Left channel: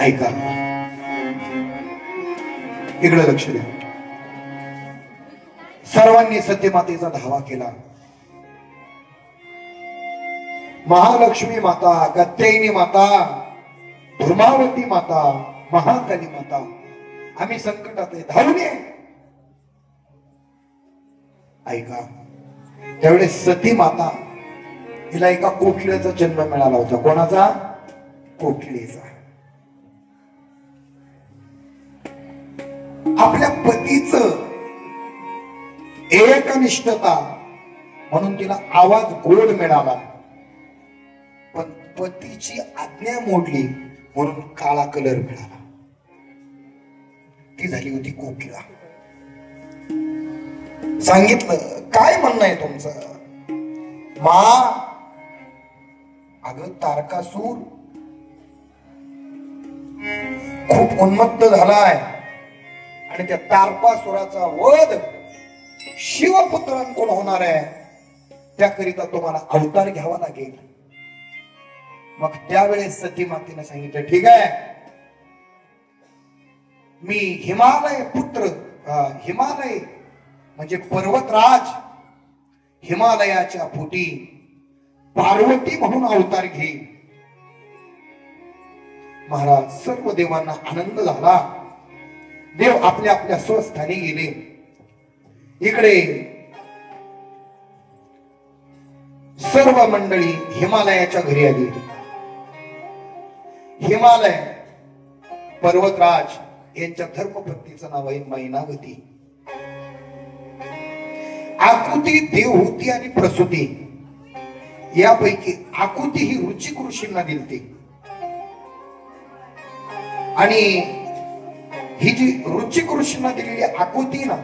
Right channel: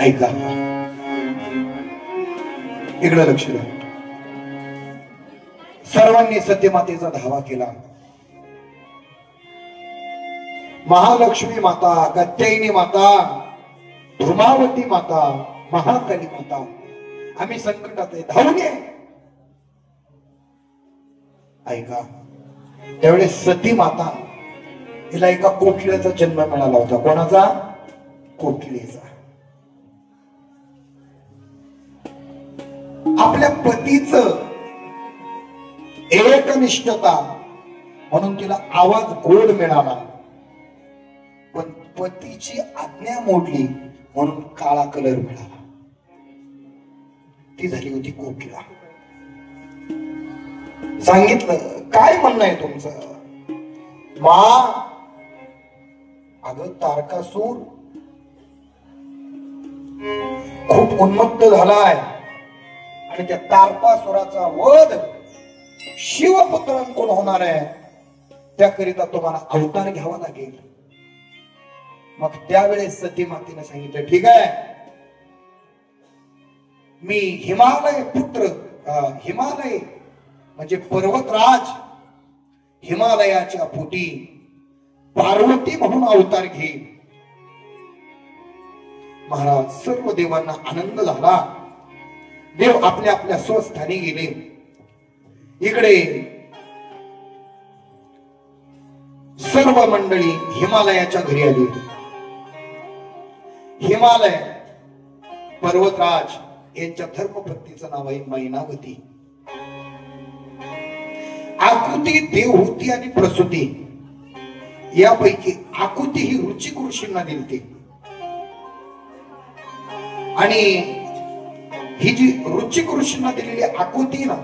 ऐका, इकडे लक्ष द्या. सर्वांनी सत्यमातेचा धावा केला. महालक्ष्मी माता, कात्यायनी माता, धर्मावती माता, महाकाली माता, आम्ही संकटातले धावून ये. ऐका, त्यावेळेस सती माता तिला एका कोकिळेचा जन्म मिळाला होता. कोणाचा? कोकिळेचा. आपल्या पतीच एकनिष्ठता म्हणून तिला आवाज गोड मिळाला, पण पतीची आज्ञा मोडली म्हणून काळा कलर मिळाला. ती झाली होती कोकिळा. सांगितलं, काय म्हणणं आहे तुमचं? मा, अगं तारकासूर खूप उन्मत्त झालाय आणि त्या तारकासुराचा वध शिवपुत्रांकडून होणार आहे. त्याकरिता तुम्हाला अवतार घ्यावा लागेल. मग त्यावेळेस सती मातेने सांगितलं, ठीक आहे, मी हिमालय पुत्र, हिमालय म्हणजे पर्वतराज, हिमालयाच्या पोटी पार्वती म्हणून अवतार घेईल. महाराज, सर्व देवांना आनंद झाला. देव आपल्या आपल्या स्वस्थानी गेले. इकडे सर्व मंडळी हिमालयाच्या घरी आली. हिमालय पर्वतराज यांच्या धर्मपत्नीचं नाव आहे मैनावती. आकृती देव होती आणि प्रसूती. यापैकी आकृती ही रुचिक ऋषींना दिलती आणि ही जी रुचिक ऋषींना दिलेली आकृती ना,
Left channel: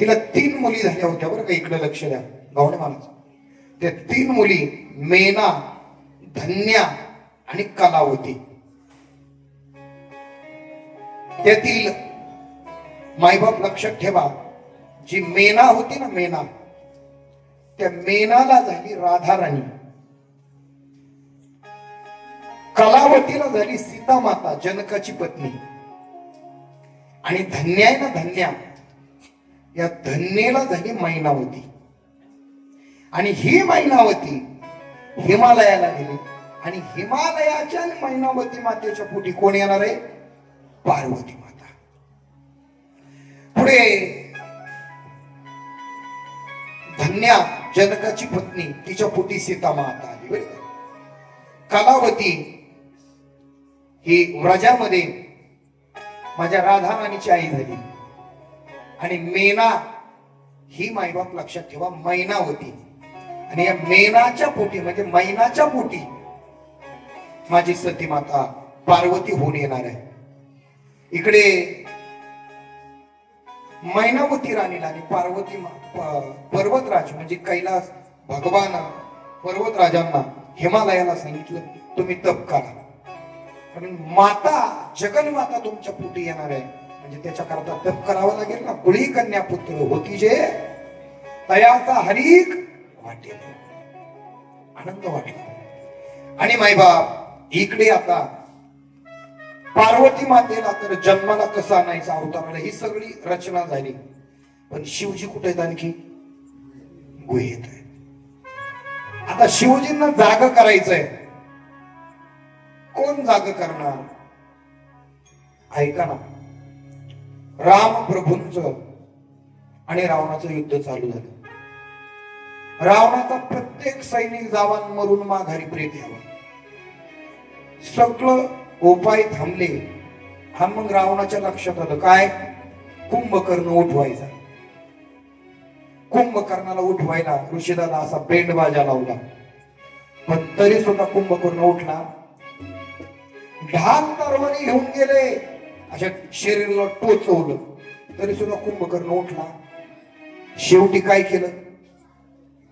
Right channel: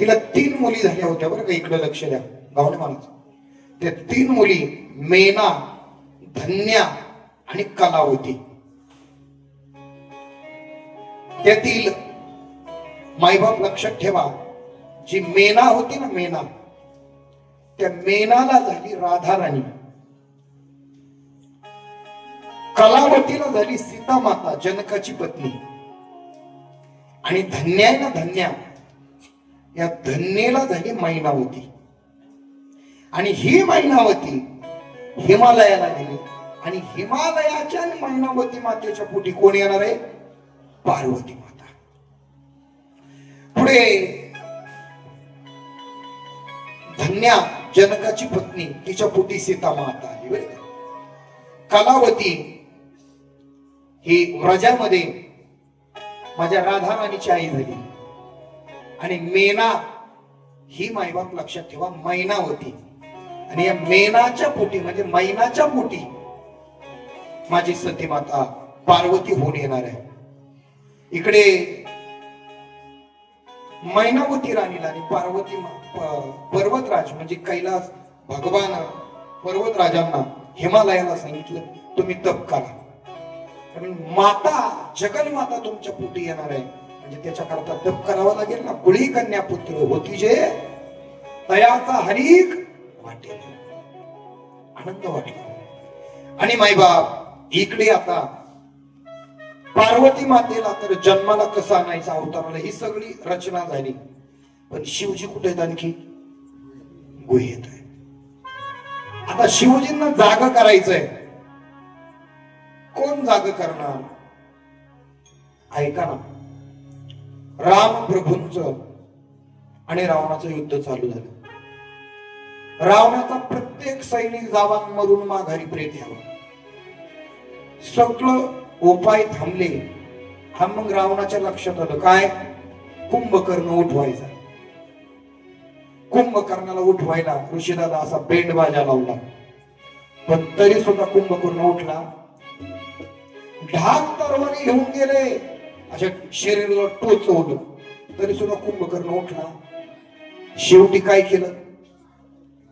तिला 3 मुली झाल्या होत्या बरं का. इकडे लक्ष द्या गावणे माणूस. त्या 3 मुली मेना, धन्या आणि कलावती. त्यातील मायबाप लक्षात ठेवा, जी मेना होती ना, मेना, त्या मेनाला झाली राधा राणी, कलावतीला झाली सीता माता जनकाची पत्नी, आणि धन्या ना, धन्या, या धन्येला झाली मैनावती. आणि ही मैनावती हिमालयाला गेली आणि हिमालयाच्या आणि मैनावती मातेच्या पोटी कोण येणार आहे? पार्वती माता. पुढे धन्या जनकाची पत्नी, तिच्या पोटी सीता माता आली. कलावती ही व्रजामध्ये माझ्या राधा राणीची आई झाली. आणि मेना ही मायबाप लक्षात ठेवा मैनावती. आणि या मेनाच्या पोटी म्हणजे मैनाच्या पोटी माझी सती माता पार्वती होऊन येणार आहे. इकडे मैनावती राणीला आणि पार्वती पर्वतराज म्हणजे कैलास भगवान पर्वतराजांना हिमालयाला सांगितलं, तुम्ही तप करा, कारण माता जगन्माता तुमच्या पोटी येणार आहे. म्हणजे त्याच्या करता तप करावं लागेल ना. कुळी कन्या पुत्र होती जे तयाचा हरीक वाटेल, आनंद वाटेल. आणि मायबाप इकडे आता पार्वती मातेला तर जन्माला कसा आणायचा अवतार, ही सगळी रचना झाली. पण शिवजी कुठे आहेत? आणखी गुहेत आहे. आता शिवजींना जाग करायचंय. कोण जाग करणार? ऐका ना, राम प्रभूंचं आणि रावणाचं युद्ध चालू झालं. रावणाचा प्रत्येक सैनिक जवान मरून माघारी प्रेत यावं, सगळं उपाय थांबले. हा मग रावणाच्या लक्षात आलं, काय? कुंभकर्ण उठवायचा. कुंभकर्णाला उठवायला ऋषीदादा असा बेंडबाजा लावला, पण तरी सुद्धा कुंभकर्ण उठला. ढाल तरवारी घेऊन गेले, अशा शरीराला टोचवलं, तरी सुद्धा कुंभकर्ण उठला. शेवटी काय केलं?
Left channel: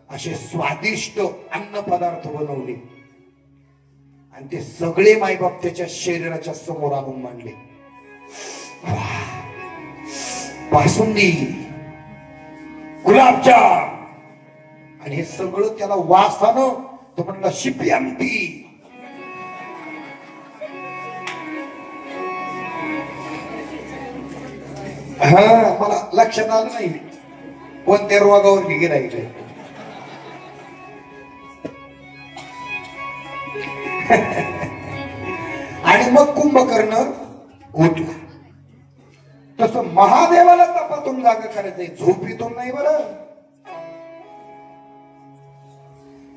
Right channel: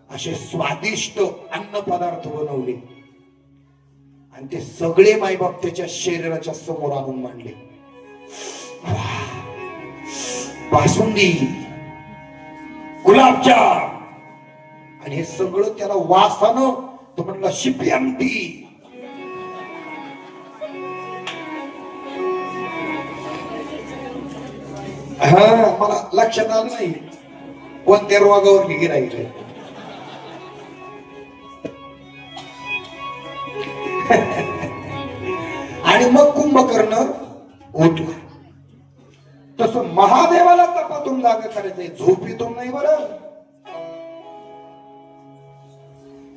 असे स्वादिष्ट अन्न पदार्थ बनवले आणि ते सगळे मायबाप त्याच्या शरीराच्या समोर आणून मांडले. बासुंदी, गुलाबजाम, आणि हे सगळं त्याला वासानं तो म्हणला शिप्यांती. मला लक्षात आलं नाही कोणत्या रोगावर गिरायचे. आणि मग कुंभकर्ण उठला. तसं महादेवाला तपातून जागा करायचंय, झोपीतून नाही. बरं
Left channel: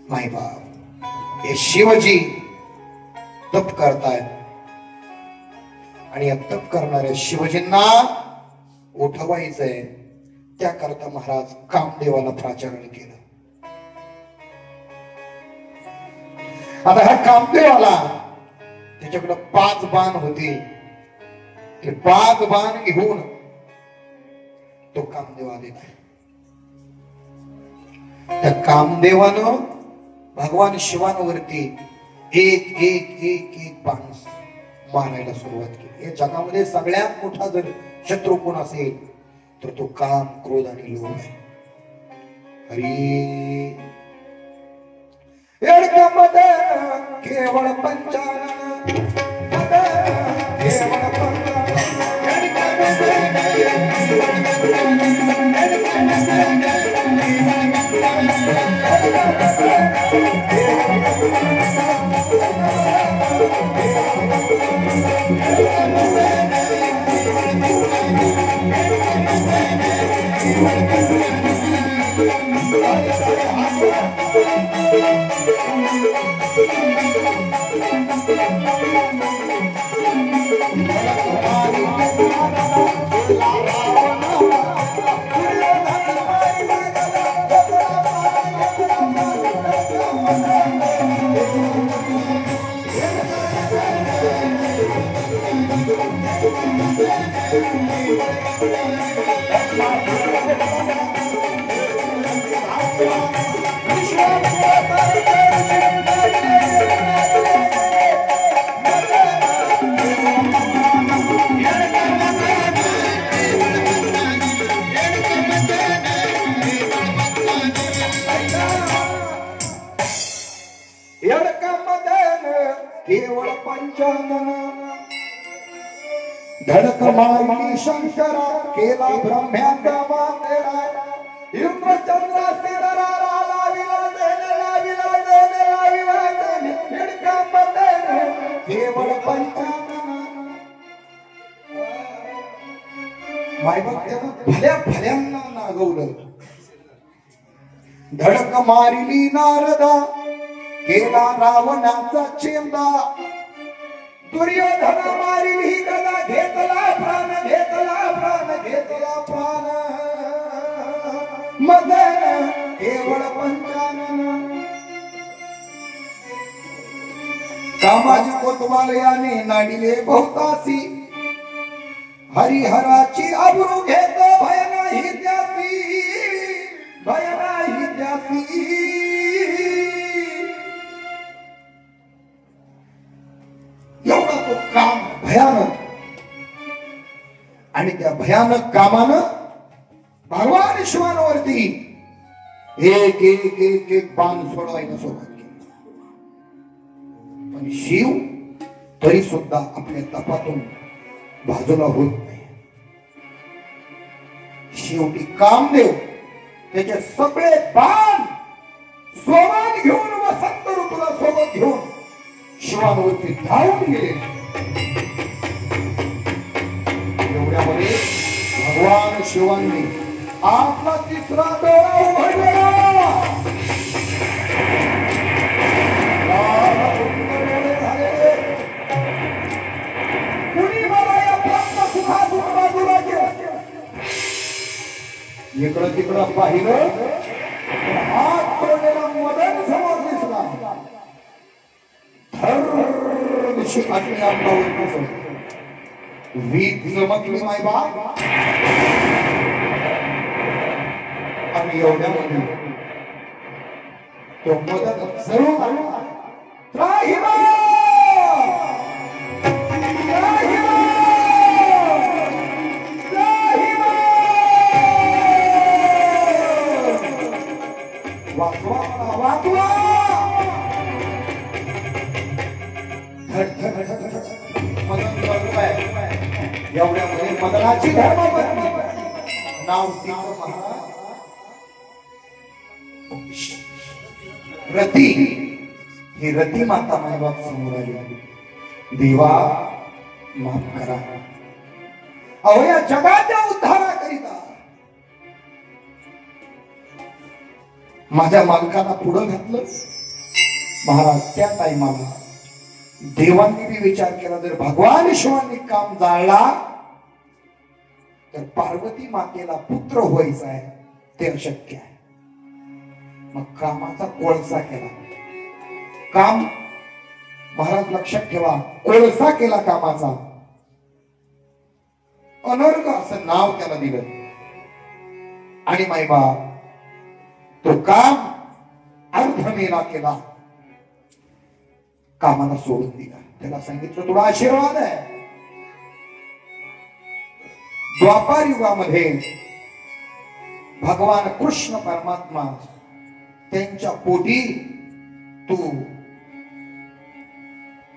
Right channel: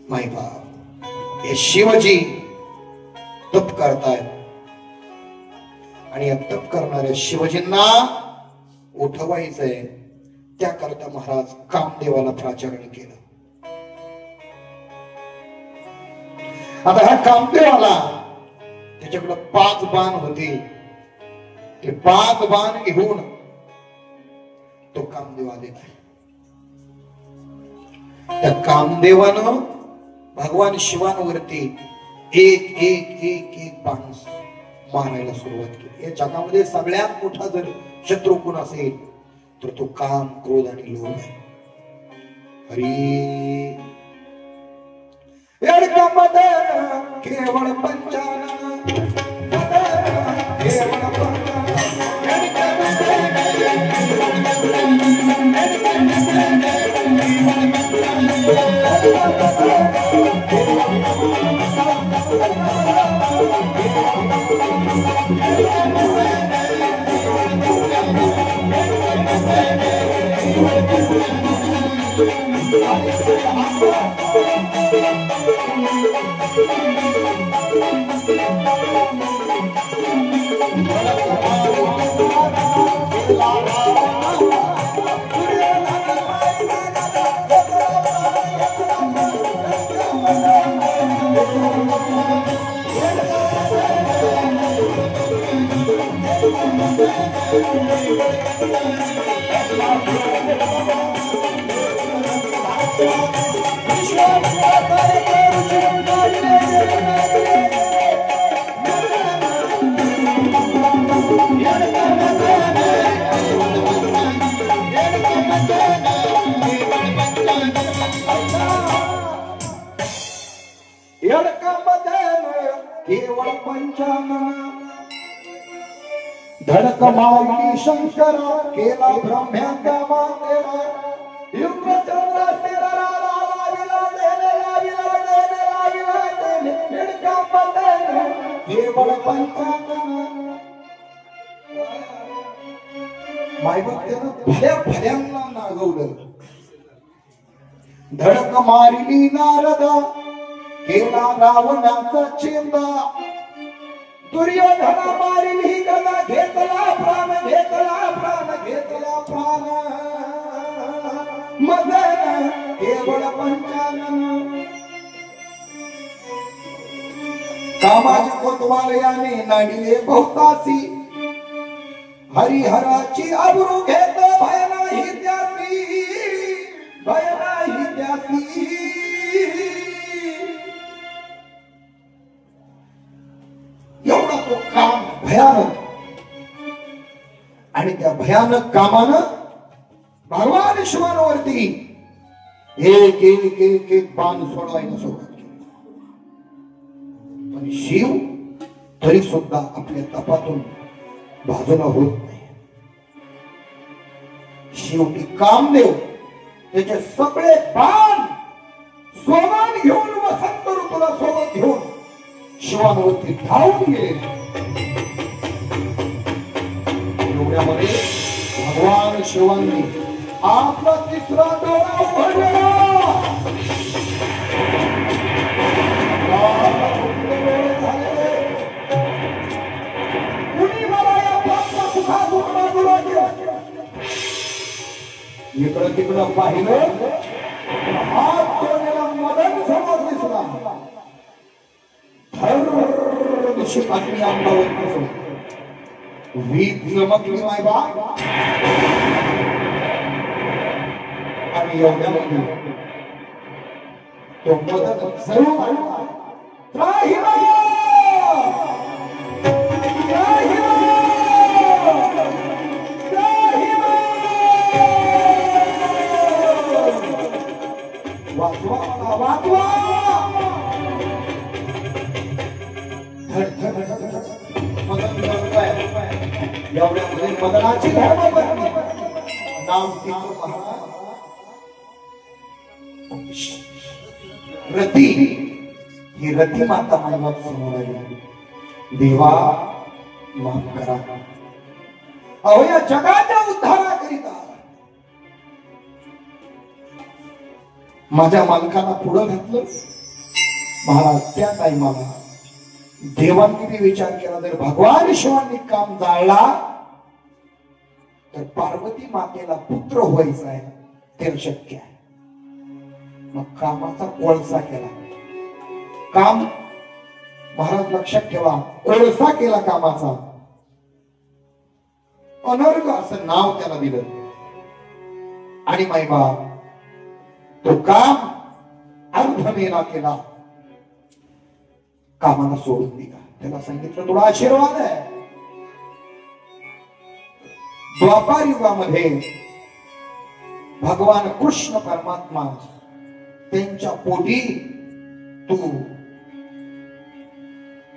माय बाप, हे शिवजी तप करतायत आणि या तप करणाऱ्या शिवजींना उठवायचंय. त्याकरता महाराज कामदेवाला प्राचारण केलं. आता ह्या कामदेवाला त्याच्याकडे 5 बाण होते. ते 5 बाण घेऊन तो कामदेवा देत. त्या कामदेवानं भगवान शिवांवरती एक एक एक एक बाण मारायला सुरुवात केली. या जगामध्ये सगळ्यात मोठा जर शत्रू कोण असेल तर तो काम, क्रोध आणि लोभ आहे. हरी केवळ पंचान धडक माऊली शंकरा केला ब्रह्म्यांचा मातेरा इंद्रचंद्र स्थिरला लाविला देने लाविला देने लाविला देने निडकांबदेने केवळ पंचांगण. मायबाप भल्या भल्यांना नागवलं. धडक मारिली नारदा केला रावणाचा चेंदा. दुर्योधन मारिली गदा घेतला प्राण घेतला प्राण घेतला प्राण. मदन केवळ पंचानन. कामाच्या कोतवालयाने नाडिले बहुतासी. हरिहराची अब्रू घेत भय नाही त्यासी भय नाही त्यासी. एवढा तो काम भयानक. आणि त्या भयानक कामानं भगवान शिवांवरती एक एक एक एक बाण सोडवायला सुरुवात केली. आणि शिव तरी सुद्धा आपल्या तपातून बाजूला होत नाही. शेवटी कामदेव त्याचे सगळे बाण सोबत घेऊन वसंत ऋतूला सोबत घेऊन शिवांवरती धावून गेले. एवढ्यामध्ये भगवान शिवांनी आपला 3रा डोळा उघडला. कुणी मला या प्राप्त सुखातून बाजूला केलं. इकडं तिकडं पाहिलं, हात जोडलेला मदन समोर दिसला. आपल्या अंगावर वीज चमकली माय बाप. आणि एवढ्यामध्ये तो मदन जरूर आला. वाचवा मदनाची धर्मपत्नी नाव तिचं महाराज रती. ही रती माता माझ्या समोर आली. देवा माफ करा, अहो या जगाच्या उद्धाराकरिता माझ्या मालकाला पुढं घातलं. महाराज त्या टाइमाला देवांनी बी विचार केला, जर भगवान शिवांनी काम जाळला तर पार्वती मातेला पुत्र व्हायचा आहे ते अशक्य आहे. मग कामाचा कोळसा केला. काम महाराज लक्षात ठेवा, कोळसा केला कामाचा. अनर्ग असं नाव त्याला दिलं. आणि मायबा तो काम अर्धमेला केला, कामाला सोडून दिला. त्याला सांगितलं तुला आशीर्वाद आहे. द्वापार युगामध्ये भगवान कृष्ण परमात्मा त्यांच्या पोटी तू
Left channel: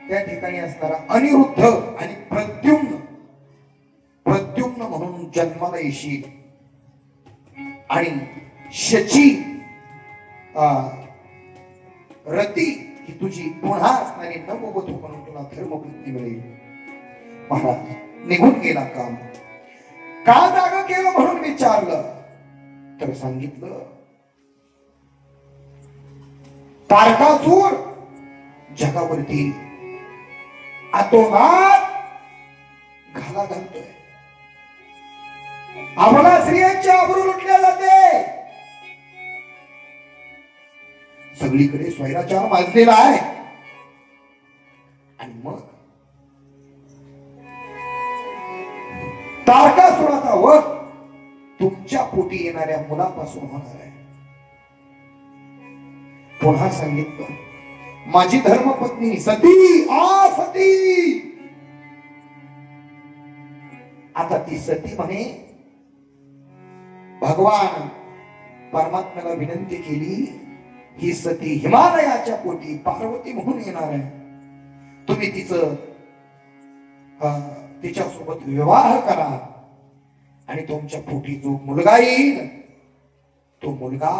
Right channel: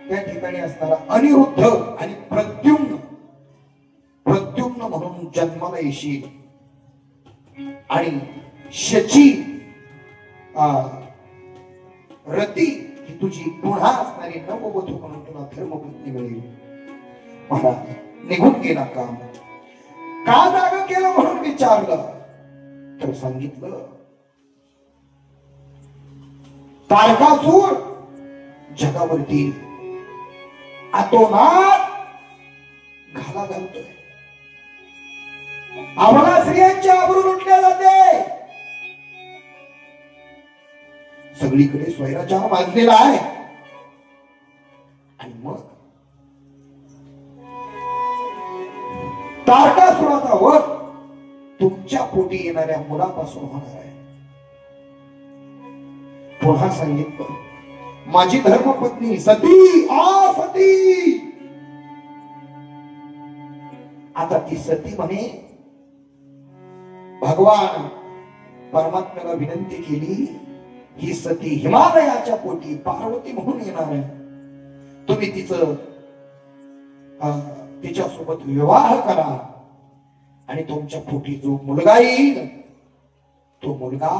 त्या ठिकाणी असणारा अनिरुद्ध आणि प्रद्युम्न म्हणून जन्माला येशील. आणि शची रती ही तुझी पुन्हा असणारी नववधू म्हणून तुला धर्मपत्नी मिळेल. महाराज निघून गेला. काम का जाग केलं म्हणून विचारलं तर सांगितलं तारकासूर जगावरती आतोनात घाला घालतोय. आम्हाला स्त्रियांची आबरू लुटल्या जाते. सगळीकडे स्वैराचार वाजलेला आहे. आणि मग तारकासुराचा वध तुमच्या पोटी येणाऱ्या मुलापासून होणार आहे. पुन्हा सांगितलं माझी धर्मपत्नी सती सती. आता ती सती म्हणे भगवान परमात्म्याला विनंती केली, ही सती हिमालयाच्या पोटी पार्वती म्हणून येणार आहे. तुम्ही तिच्यासोबत विवाह करा आणि तुमच्या पोटी जो मुलगा येईल तो मुलगा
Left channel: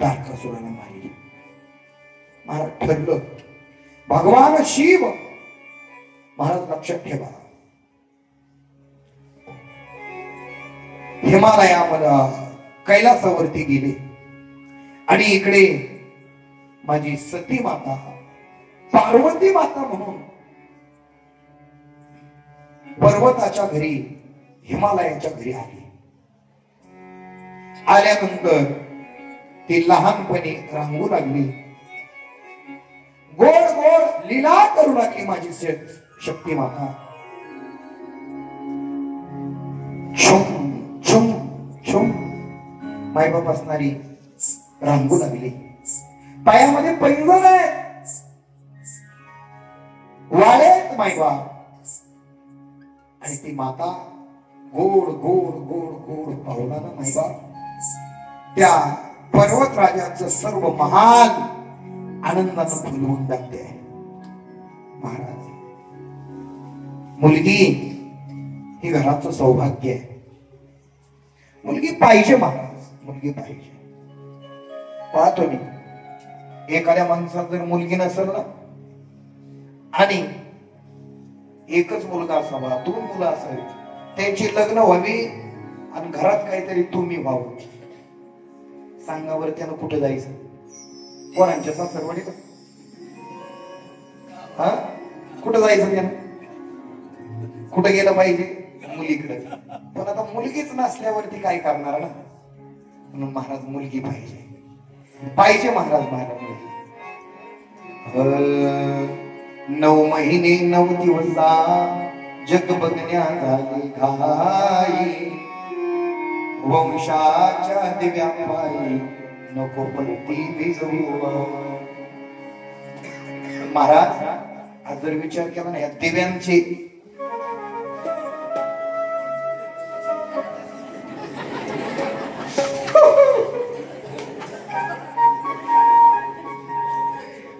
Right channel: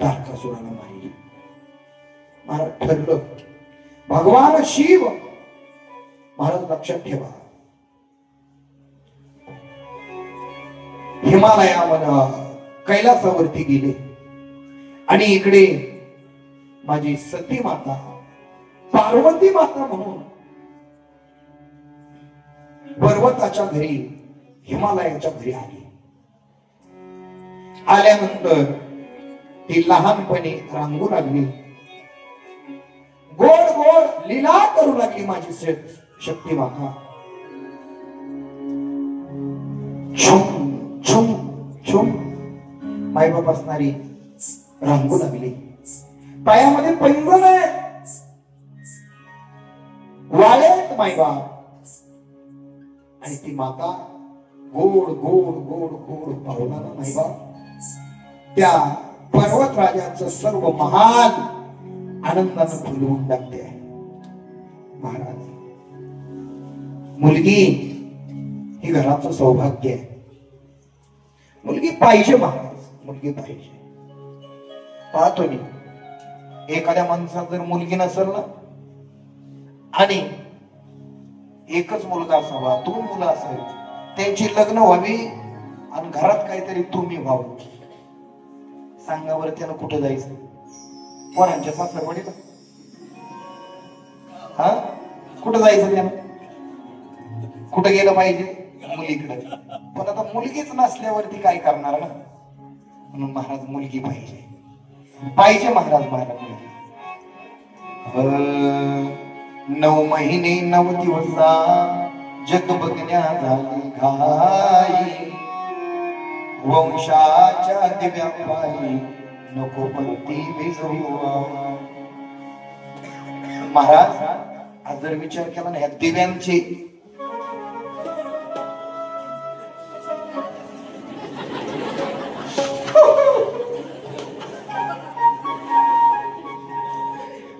तारकासुराला मारेल. महाराज ठरलं. भगवान शिव महाराज लक्षात ठेवा हिमालयामध्ये कैलासावरती गेले. आणि इकडे माझी सती माता पार्वती माता म्हणून पर्वताच्या घरी हिमालयाच्या घरी आली. आल्यानंतर ती लहानपणी रांगू लागली. गोड गोड लीला करू लागली माझी शक्ती माता. छुम छुम छुम मायबाप असणारी रांगू लागली. पायामध्ये पैंजण आहेत, वाळेत मायबाप. आणि ती माता गोड गोड गोड गोड पाहुणाला मायबाप त्या पर्वतराजाचं सर्व महान आनंदानं फुलवून टाकते. महाराज मुलगी ही घराचं सौभाग्य आहे. मुलगी पाहिजे महाराज, मुलगी पाहिजे. पाहतो मी एखाद्या माणसाला जर मुलगी नसेल ना आणि एकच मुलगा असावा, 2 मुलं असावी, त्यांची लग्न व्हावी आणि घरात काहीतरी तुम्ही व्हावं. सांगावर त्यानं कुठं जायचं? कोणाच्या सासरवाडीला? हा कुठं जायचं त्यानं? कुठं गेलं पाहिजे? मुलीकडे. पण आता मुलगीच नसल्यावरती काय करणार ना. म्हणून महाराज मुलगी पाहिजे, पाहिजे महाराज. महाराज 9 महिने 9 दिवसा जग बघण्या झाली घाई. वंशाच्या दिव्या पायी नको पलती विजवू. महाराज आज जर विचार केला ना या दिव्यांची,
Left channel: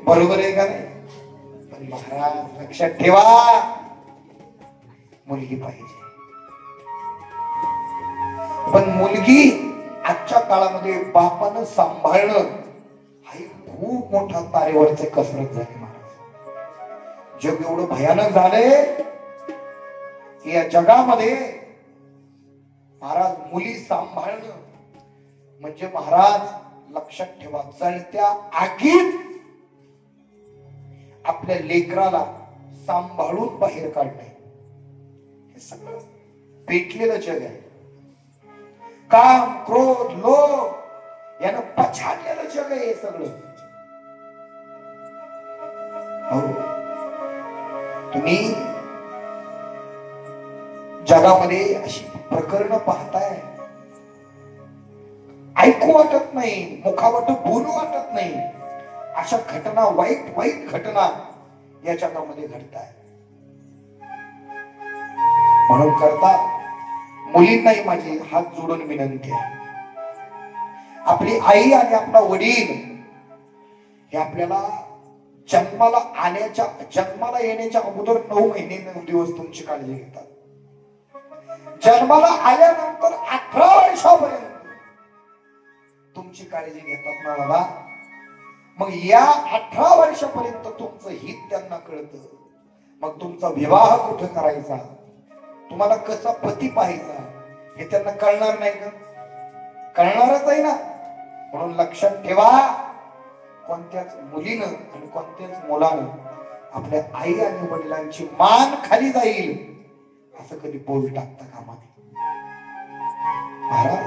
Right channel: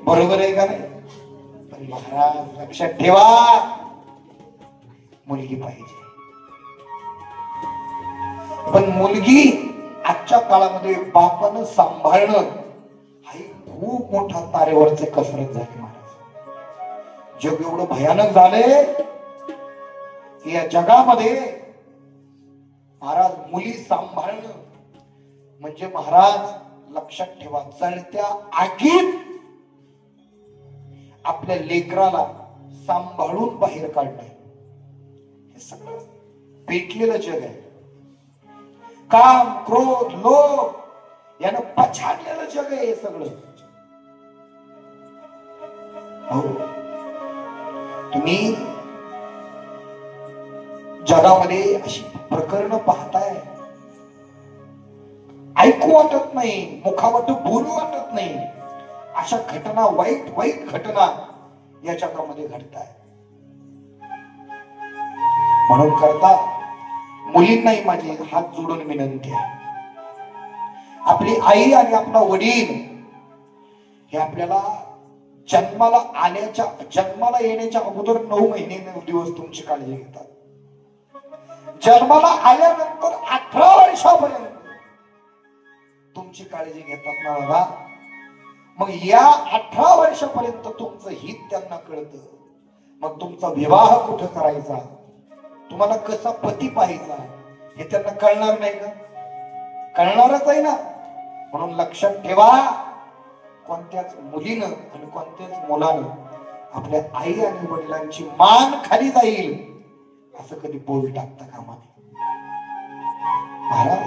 बरोबर आहे का नाही? पण महाराज लक्षात ठेवा मुलगी पाहिजे. पण मुलगी आजच्या काळामध्ये बापानं सांभाळणं हा खूप मोठा तारेवरचे कसरत झाली महाराज. जग एवढं भयानक झालंय की या जगामध्ये महाराज मुली सांभाळणं म्हणजे महाराज लक्षात ठेवा, जळत्या आगीत आपल्या लेकराला सांभाळून बाहेर काढणे हे सगळं पेटलेलं जग आहे. काम, क्रोध, लोभ यानं पछाडलेलं जग आहे हे सगळं. हो, तुम्ही जगामध्ये अशी प्रकरण पाहताय, ऐकू वाटत नाही, मुखावट बोलू वाटत नाही. अशा घटना, वाईट वाईट घटना या जगामध्ये घडताय. म्हणून करता मुलींनाही माझी हात जोडून विनंती आहे, आपली आई आणि आपला वडील हे आपल्याला जन्माला येण्याच्या अगोदर 9 महिने 9 दिवस तुमची काळजी घेतात. जन्माला आल्यानंतर 18 वर्षापर्यंत तुमची काळजी घेतात ना बाबा. मग या 18 वर्षापर्यंत तुमचं हित त्यांना कळतं. मग तुमचा विवाह कुठं करायचा, तुम्हाला कसा पती पाहायचा हे त्यांना कळणार नाही का? कळणारच आहे ना. म्हणून लक्षात ठेवा, कोणत्याच मुलीनं आणि कोणत्याच मुलानं आपल्या आई आणि वडिलांची मान खाली जाईल असं कधी बोल टाकता कामा नये. महाराज,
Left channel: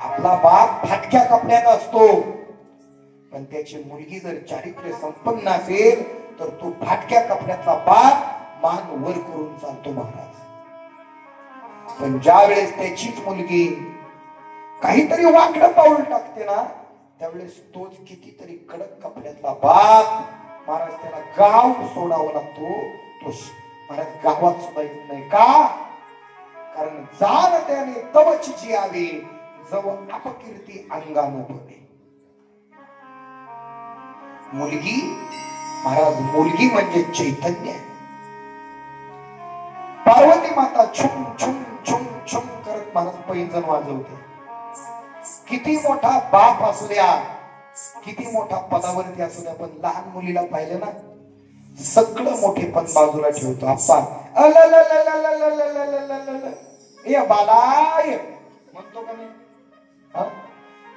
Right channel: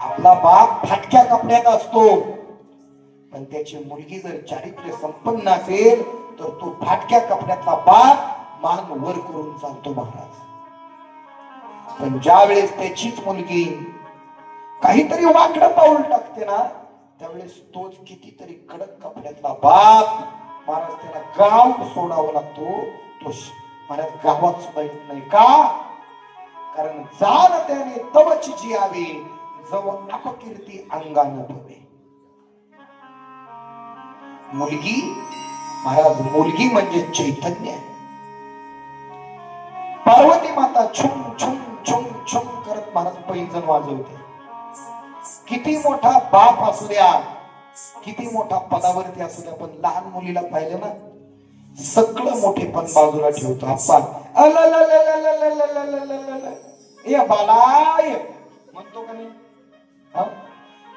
आपला बाप फाटक्या कपड्यात असतो, पण त्याची मुलगी जर चारित्र्य संपन्न असेल तर तो फाटक्या कपड्यातला बाप मान वर करून चालतो महाराज. पण ज्या वेळेस त्याचीच मुलगी काहीतरी वाकडं पाऊल टाकते ना, त्यावेळेस तोच कितीतरी कडक कपड्यातला बाप महाराज त्याला गाव सोडावा लागतो. तो महाराज गावात सुद्धा येत नाही का? कारण जाण त्याने तवच जियावी, जव अपकीर्ती अंगान भवे. मुलगी महाराज, मुलगी म्हणजे चैतन्य. पार्वती माता छुम छुम छुम छुम करत महाराज पैंजण वाजवते. किती मोठा बाप असू द्या, किती मोठा पदावरती असू द्या, पण लहान मुलीला पाहिलं ना, सगळं मोठेपण बाजूला ठेवतो. आप्पा बालाय म्हणतो का नाही?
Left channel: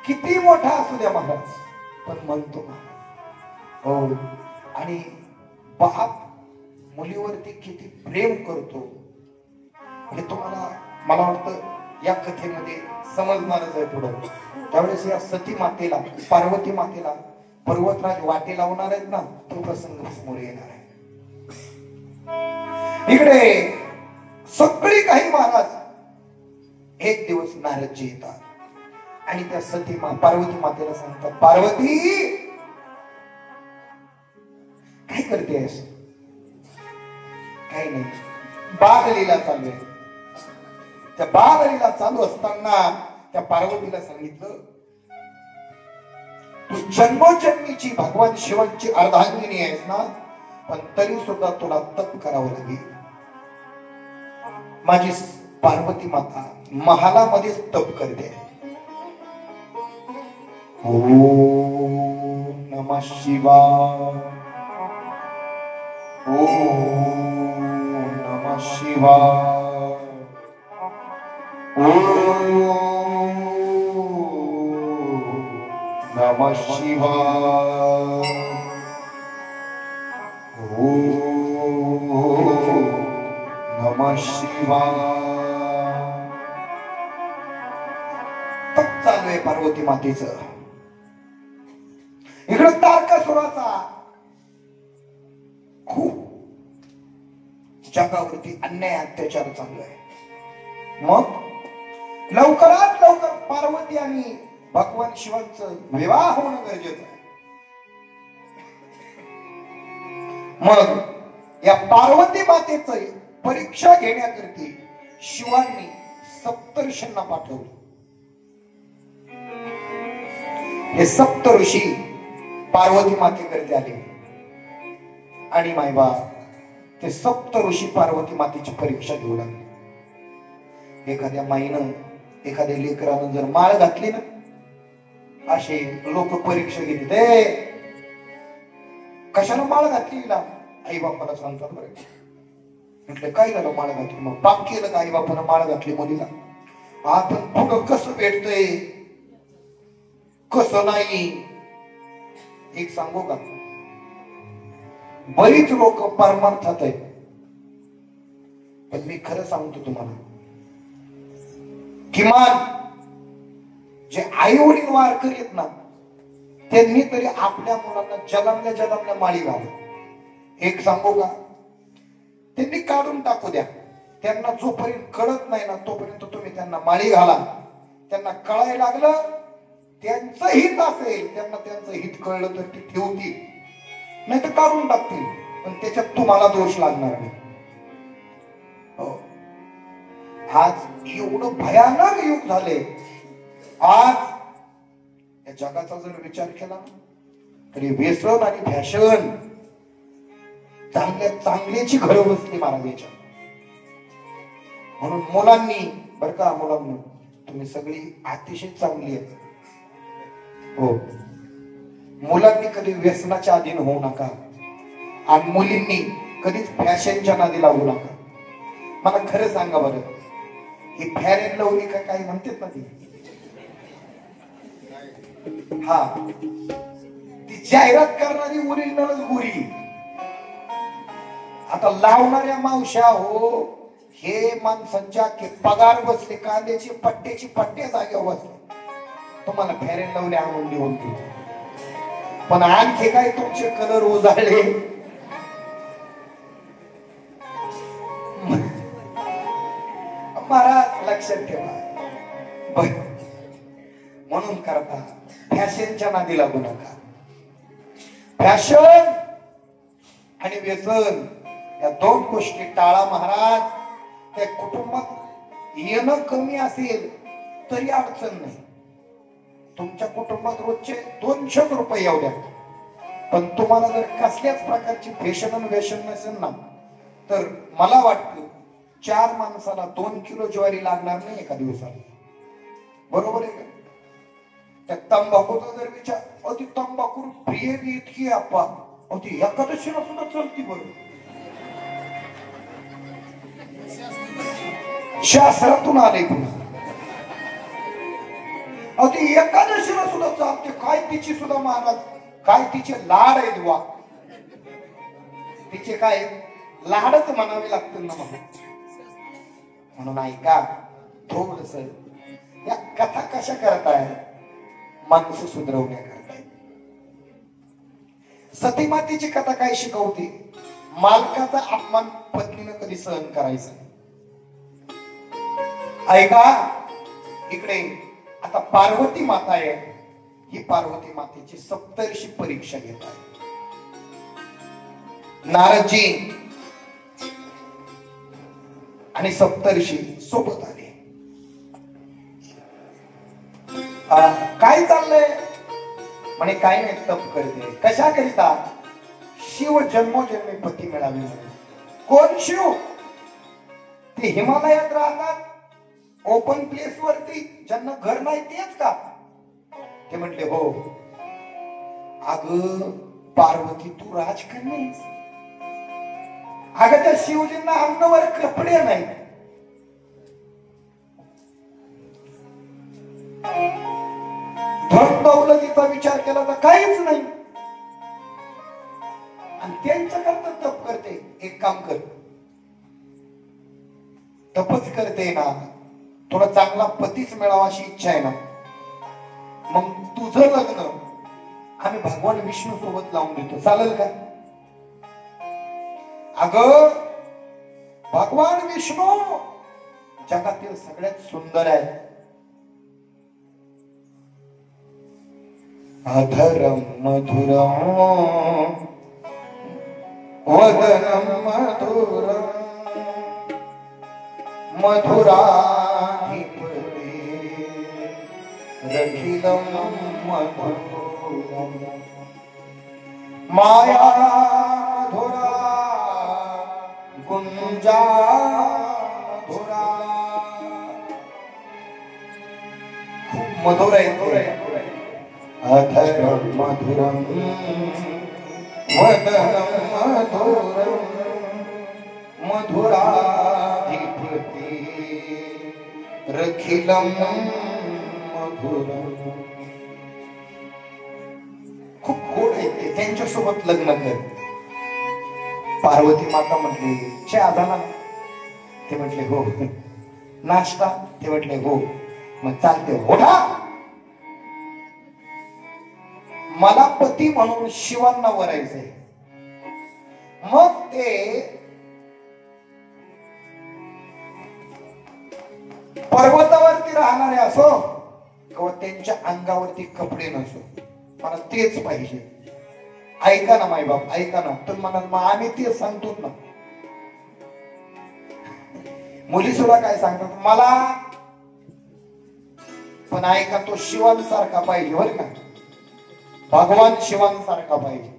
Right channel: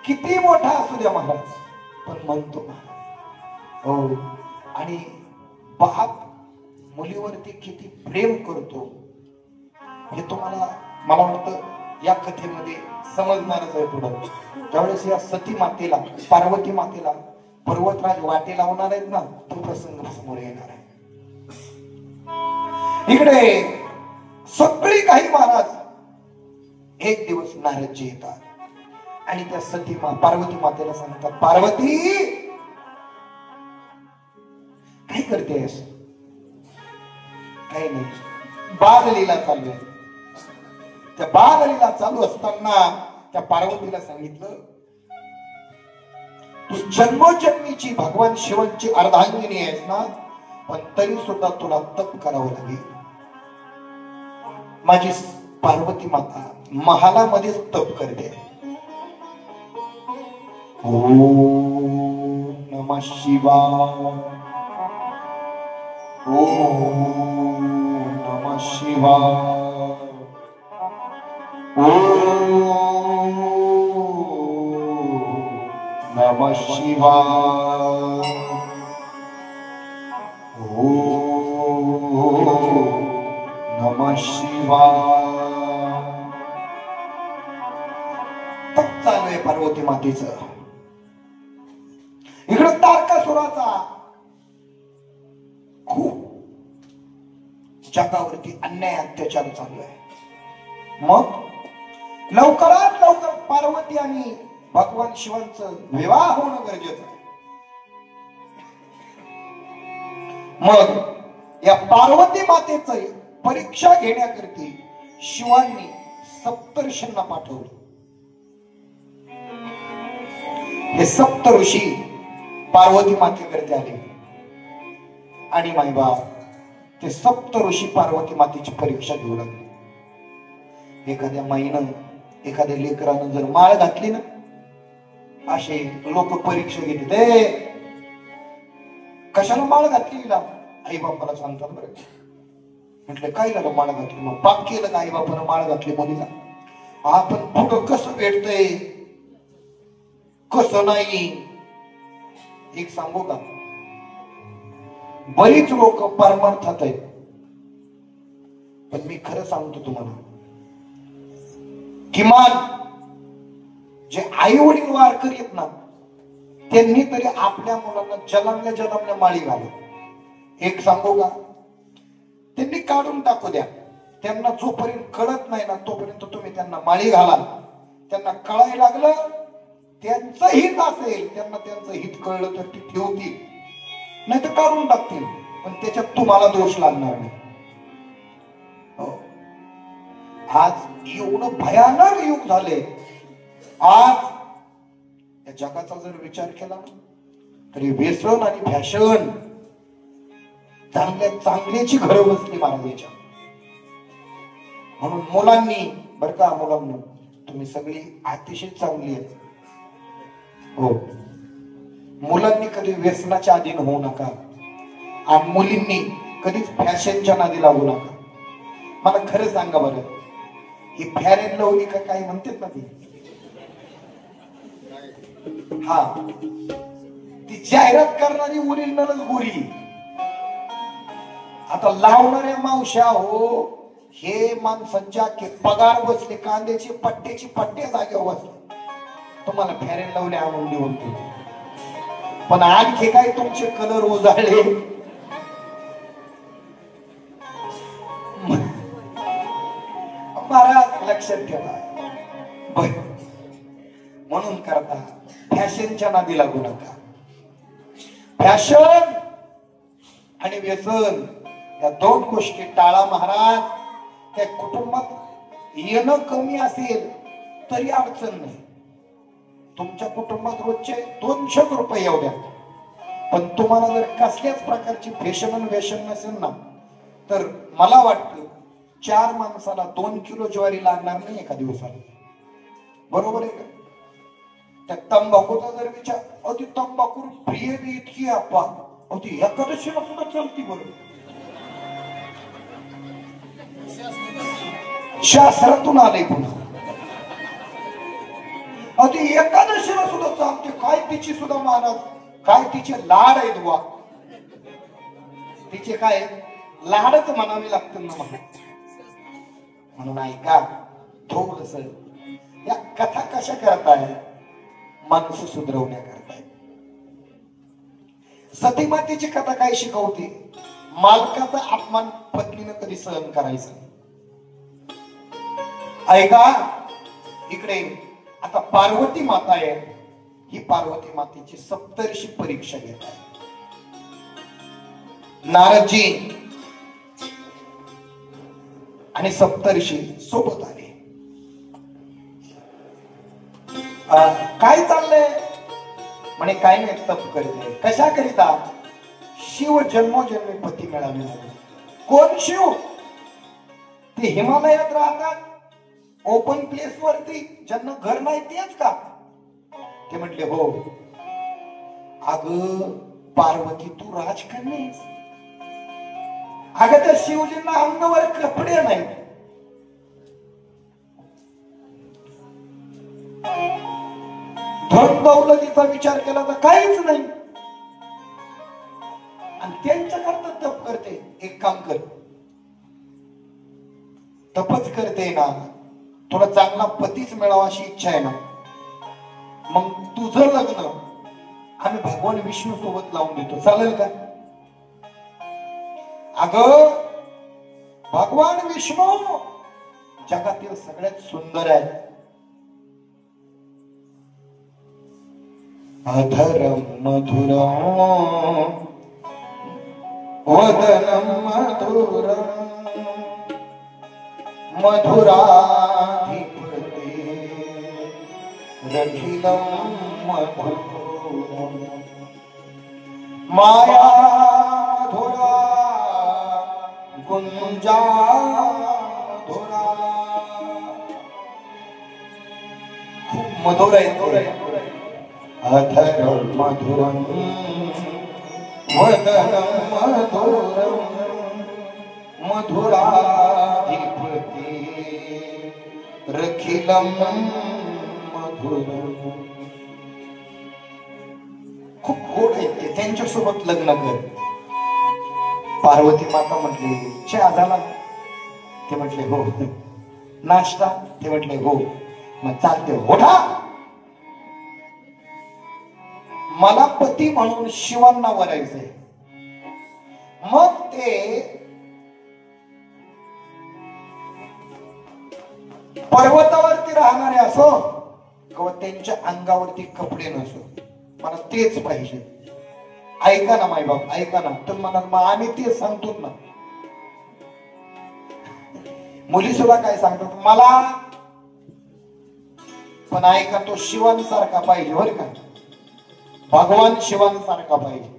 किती मोठा असू द्या महाराज, पण म्हणतो हो. आणि बाप मुलीवरती किती प्रेम करतो हे तुम्हाला, मला वाटतं या कथेमध्ये समजणारच आहे पुढे. त्यावेळेस या सती मातेला, पार्वती मातेला पर्वतराज वाटे लावणार आहेत ना, तो प्रसंग समोर येणार आहे. इकडे सगळी काही महाराज एक दिवस नारदजी येतात आणि त्या सती पार्वती मातेला सांगतात, पार्वती काय करतेस? काही नाही, बाललीला चालू आहे. त्या बाललीला चालू असताना त्या पार्वतीला सांगितलं, तू जन्मोजन्मीची भगवान शिवांची अर्धांगिनी आहेस ना, पण तरी सुद्धा तुला तप करावं लागेल. माझी पार्वती माता महालामध्येच तप करते. ओम नमः शिवाय, ओम नमः शिवाय, ओम नमः शिवाय, ओम नमः शिवाय. तप चालू आहे पार्वती मातेचं. इकडे तारकासुराचा खूप जगावरती अन्याय अत्याचार चालू आहे. मग लवकरात लवकर पार्वती आणि भगवान शिवांचं विवाह होणं गरजेचं आहे. मग या पार्वती मातेचं परीक्षा घेण्याकरती शिवांनी सप्तऋषींना पाठवलं. हे सप्त ऋषी पार्वती मातेकडे आले आणि मायबा ते सप्त ऋषी पार्वती मातेची परीक्षा घेऊ लागले. एखाद्या माईनं एखाद्या लेकरानं जर माळ घातली ना, असे लोक परीक्षा घेते, कशाला माळ घातली ना, आई बापाला सांगतात बरं. म्हटलं काय झालं माळ घातली, मग पाप केलं का आई बापानं माळ घातली मुलीला. आपण पुढं कसं भेटतंय कसं नाही. एक सांगू का, बरीच लोक परमार्थात आहेत, पण मी खरं सांगतो तुम्हाला, किमान जे आई वडील वार करीत ना, त्यांनी तरी आपल्या मुलांना जलमल्या जलमल्या माळी घालत. एक सांगू का, त्यांनी काढून टाकू द्या. त्यांना जोपर्यंत कळत नाही ना, तोपर्यंत तुम्ही त्यांना माळी घाला. त्यांना कळायला लागलं, त्यांचं हित असेल, त्यांना त्यांचं हित कळलं तर ती ठेवतील, नाही तर काढून टाकतील. पण त्याच्यात तुम्हाला दोष लागणार नाही. आज एवढं भयानक युग झाले. आज या जगाचा जर विचार केला तरी व्यसन आणि फॅशन चांगल्या चांगल्याची घरं बसली महाराजांच्या. म्हणून मुलांनी बर का, मुलांना तुम्ही सगळी अतिशय चांगली आहेत हो, मुलांनी कधी व्यसनाच्या अधीन होऊ नका आणि मुलींनी कधीच फॅशनच्या नादी लागू नका. मला खरं सांगा बरं, ही फेअर अँड लवली का काय म्हणतात ना ती, हा ती जाहिरात करणारी ओरिजिनलच गोरी. आता लावणाऱ्या मावश्या हो, हे माणसांच्या पगार बसले, कांद्याची पट्ट्याची पट्टे जागेवर बसले, तुम्हाला फेअर अँड लवली आणून देऊन देऊ. पण आणखी काय तुमचे कलर उजाळले, महाराज लक्षात ठेवा. म्हणून करता फॅशनच्या नादी लागू नका. फॅशन आणि व्यसन या दोन गोष्टी टाळा महाराज. त्या कुटुंबात येणं कमी असेल तरी अडचण नाही. तुमच्या कुटुंबात रोजचे 200 रुपये येऊ द्या, पण तुम्हाला जर कसल्याच प्रकारची फॅशन आणि व्यसन नसेल ना, तर मला वाटतं 4 माणसाला 2 किलो ज्वारी लागणार नाही एका दिवसाला. बरोबर आहे का? त्या तंबाखूचा जर विचार, अहो ती तंबाखू प्रिय बी इतकी आपा, अहो ती एकादशीला सुद्धा चलती. बरोबर, शास्त्रातून आले पुन्हा. अहो ती एकादशीला सुद्धा चालते. काय तिची सुद्धा मानत, काय तिचे लाड आहेत वा, तिचे काय लाडच म्हणावे लागतील ना मला. म्हणून ऐका थोडस, या कथा कशा करताय, माणूस सुधरवण्या करताय. सतीमातेची कथा काय शिकवते, मालकाचा अपमान पत्नीनं कधी सहन करायचं. ऐका इकडे, आता पार्वती माता आहे, ही पार्वती मातेची सप्तर्षी परीक्षा घेत आहे. नारदजी आणि सप्तर्षी सोबत आले. काय चाललंय म्हणे, काय नाही तप करते. कशा करिता? शिव जन्मोजन्मी पती मिळाले. कोण शिव? ते हिमालयात राहतात, ओपन प्लेस वरती, ज्यांना घर नाही तेच का? ते म्हटले हो. अगं पार्वती तू राजकन्या, अगं त्या शिवजींना अंगावर कपडे नाही. धन दौलतीचा विचार केला तर काहीच नाही, आणि त्यांच्या करता तप करते. एक काम कर, तपच करते ना, तुला चांगला पतीच मिळावा अशी इच्छा आहे ना, मग तुझं लग्न आम्ही भगवान विष्णू सोबत लावून देतो, चालेल का? अगं भगवान विष्णू जगातील सगळ्यात सुंदर आहे. अधरम मधुरम वदनम मधुरम मधुराधिपते रखिलम मधुरम मायाधुरा गुंजाधुरा मधुर आहे अधर मधुरम वदनम मधुरम मधुराधिपती रखिलम मधुरम. खूप गोड आहे ते. त्यांच्यासोबत लग्न कर. पार्वती माता म्हटली चहा झाला? ते म्हटले हो. नाश्ता? ते म्हटले हो. मग चालते ओढा. मला पती म्हणून शिवांना वरायचंय. मग ते पर्वतावरती राहणारे असो किंवा त्यांच्या अंगावरती कपडे नसो, मला तेच पाहिजे. ऐका ना माय बाप, ऐका ना. तर म्हणा मग आम्ही तेच सांगतो ना. मुली सुद्धा काय सांगतात मला, पण ऐका तो शिवांसारखा पाहिजे बरं का. भगवान शिवांसारखा पाहिजे.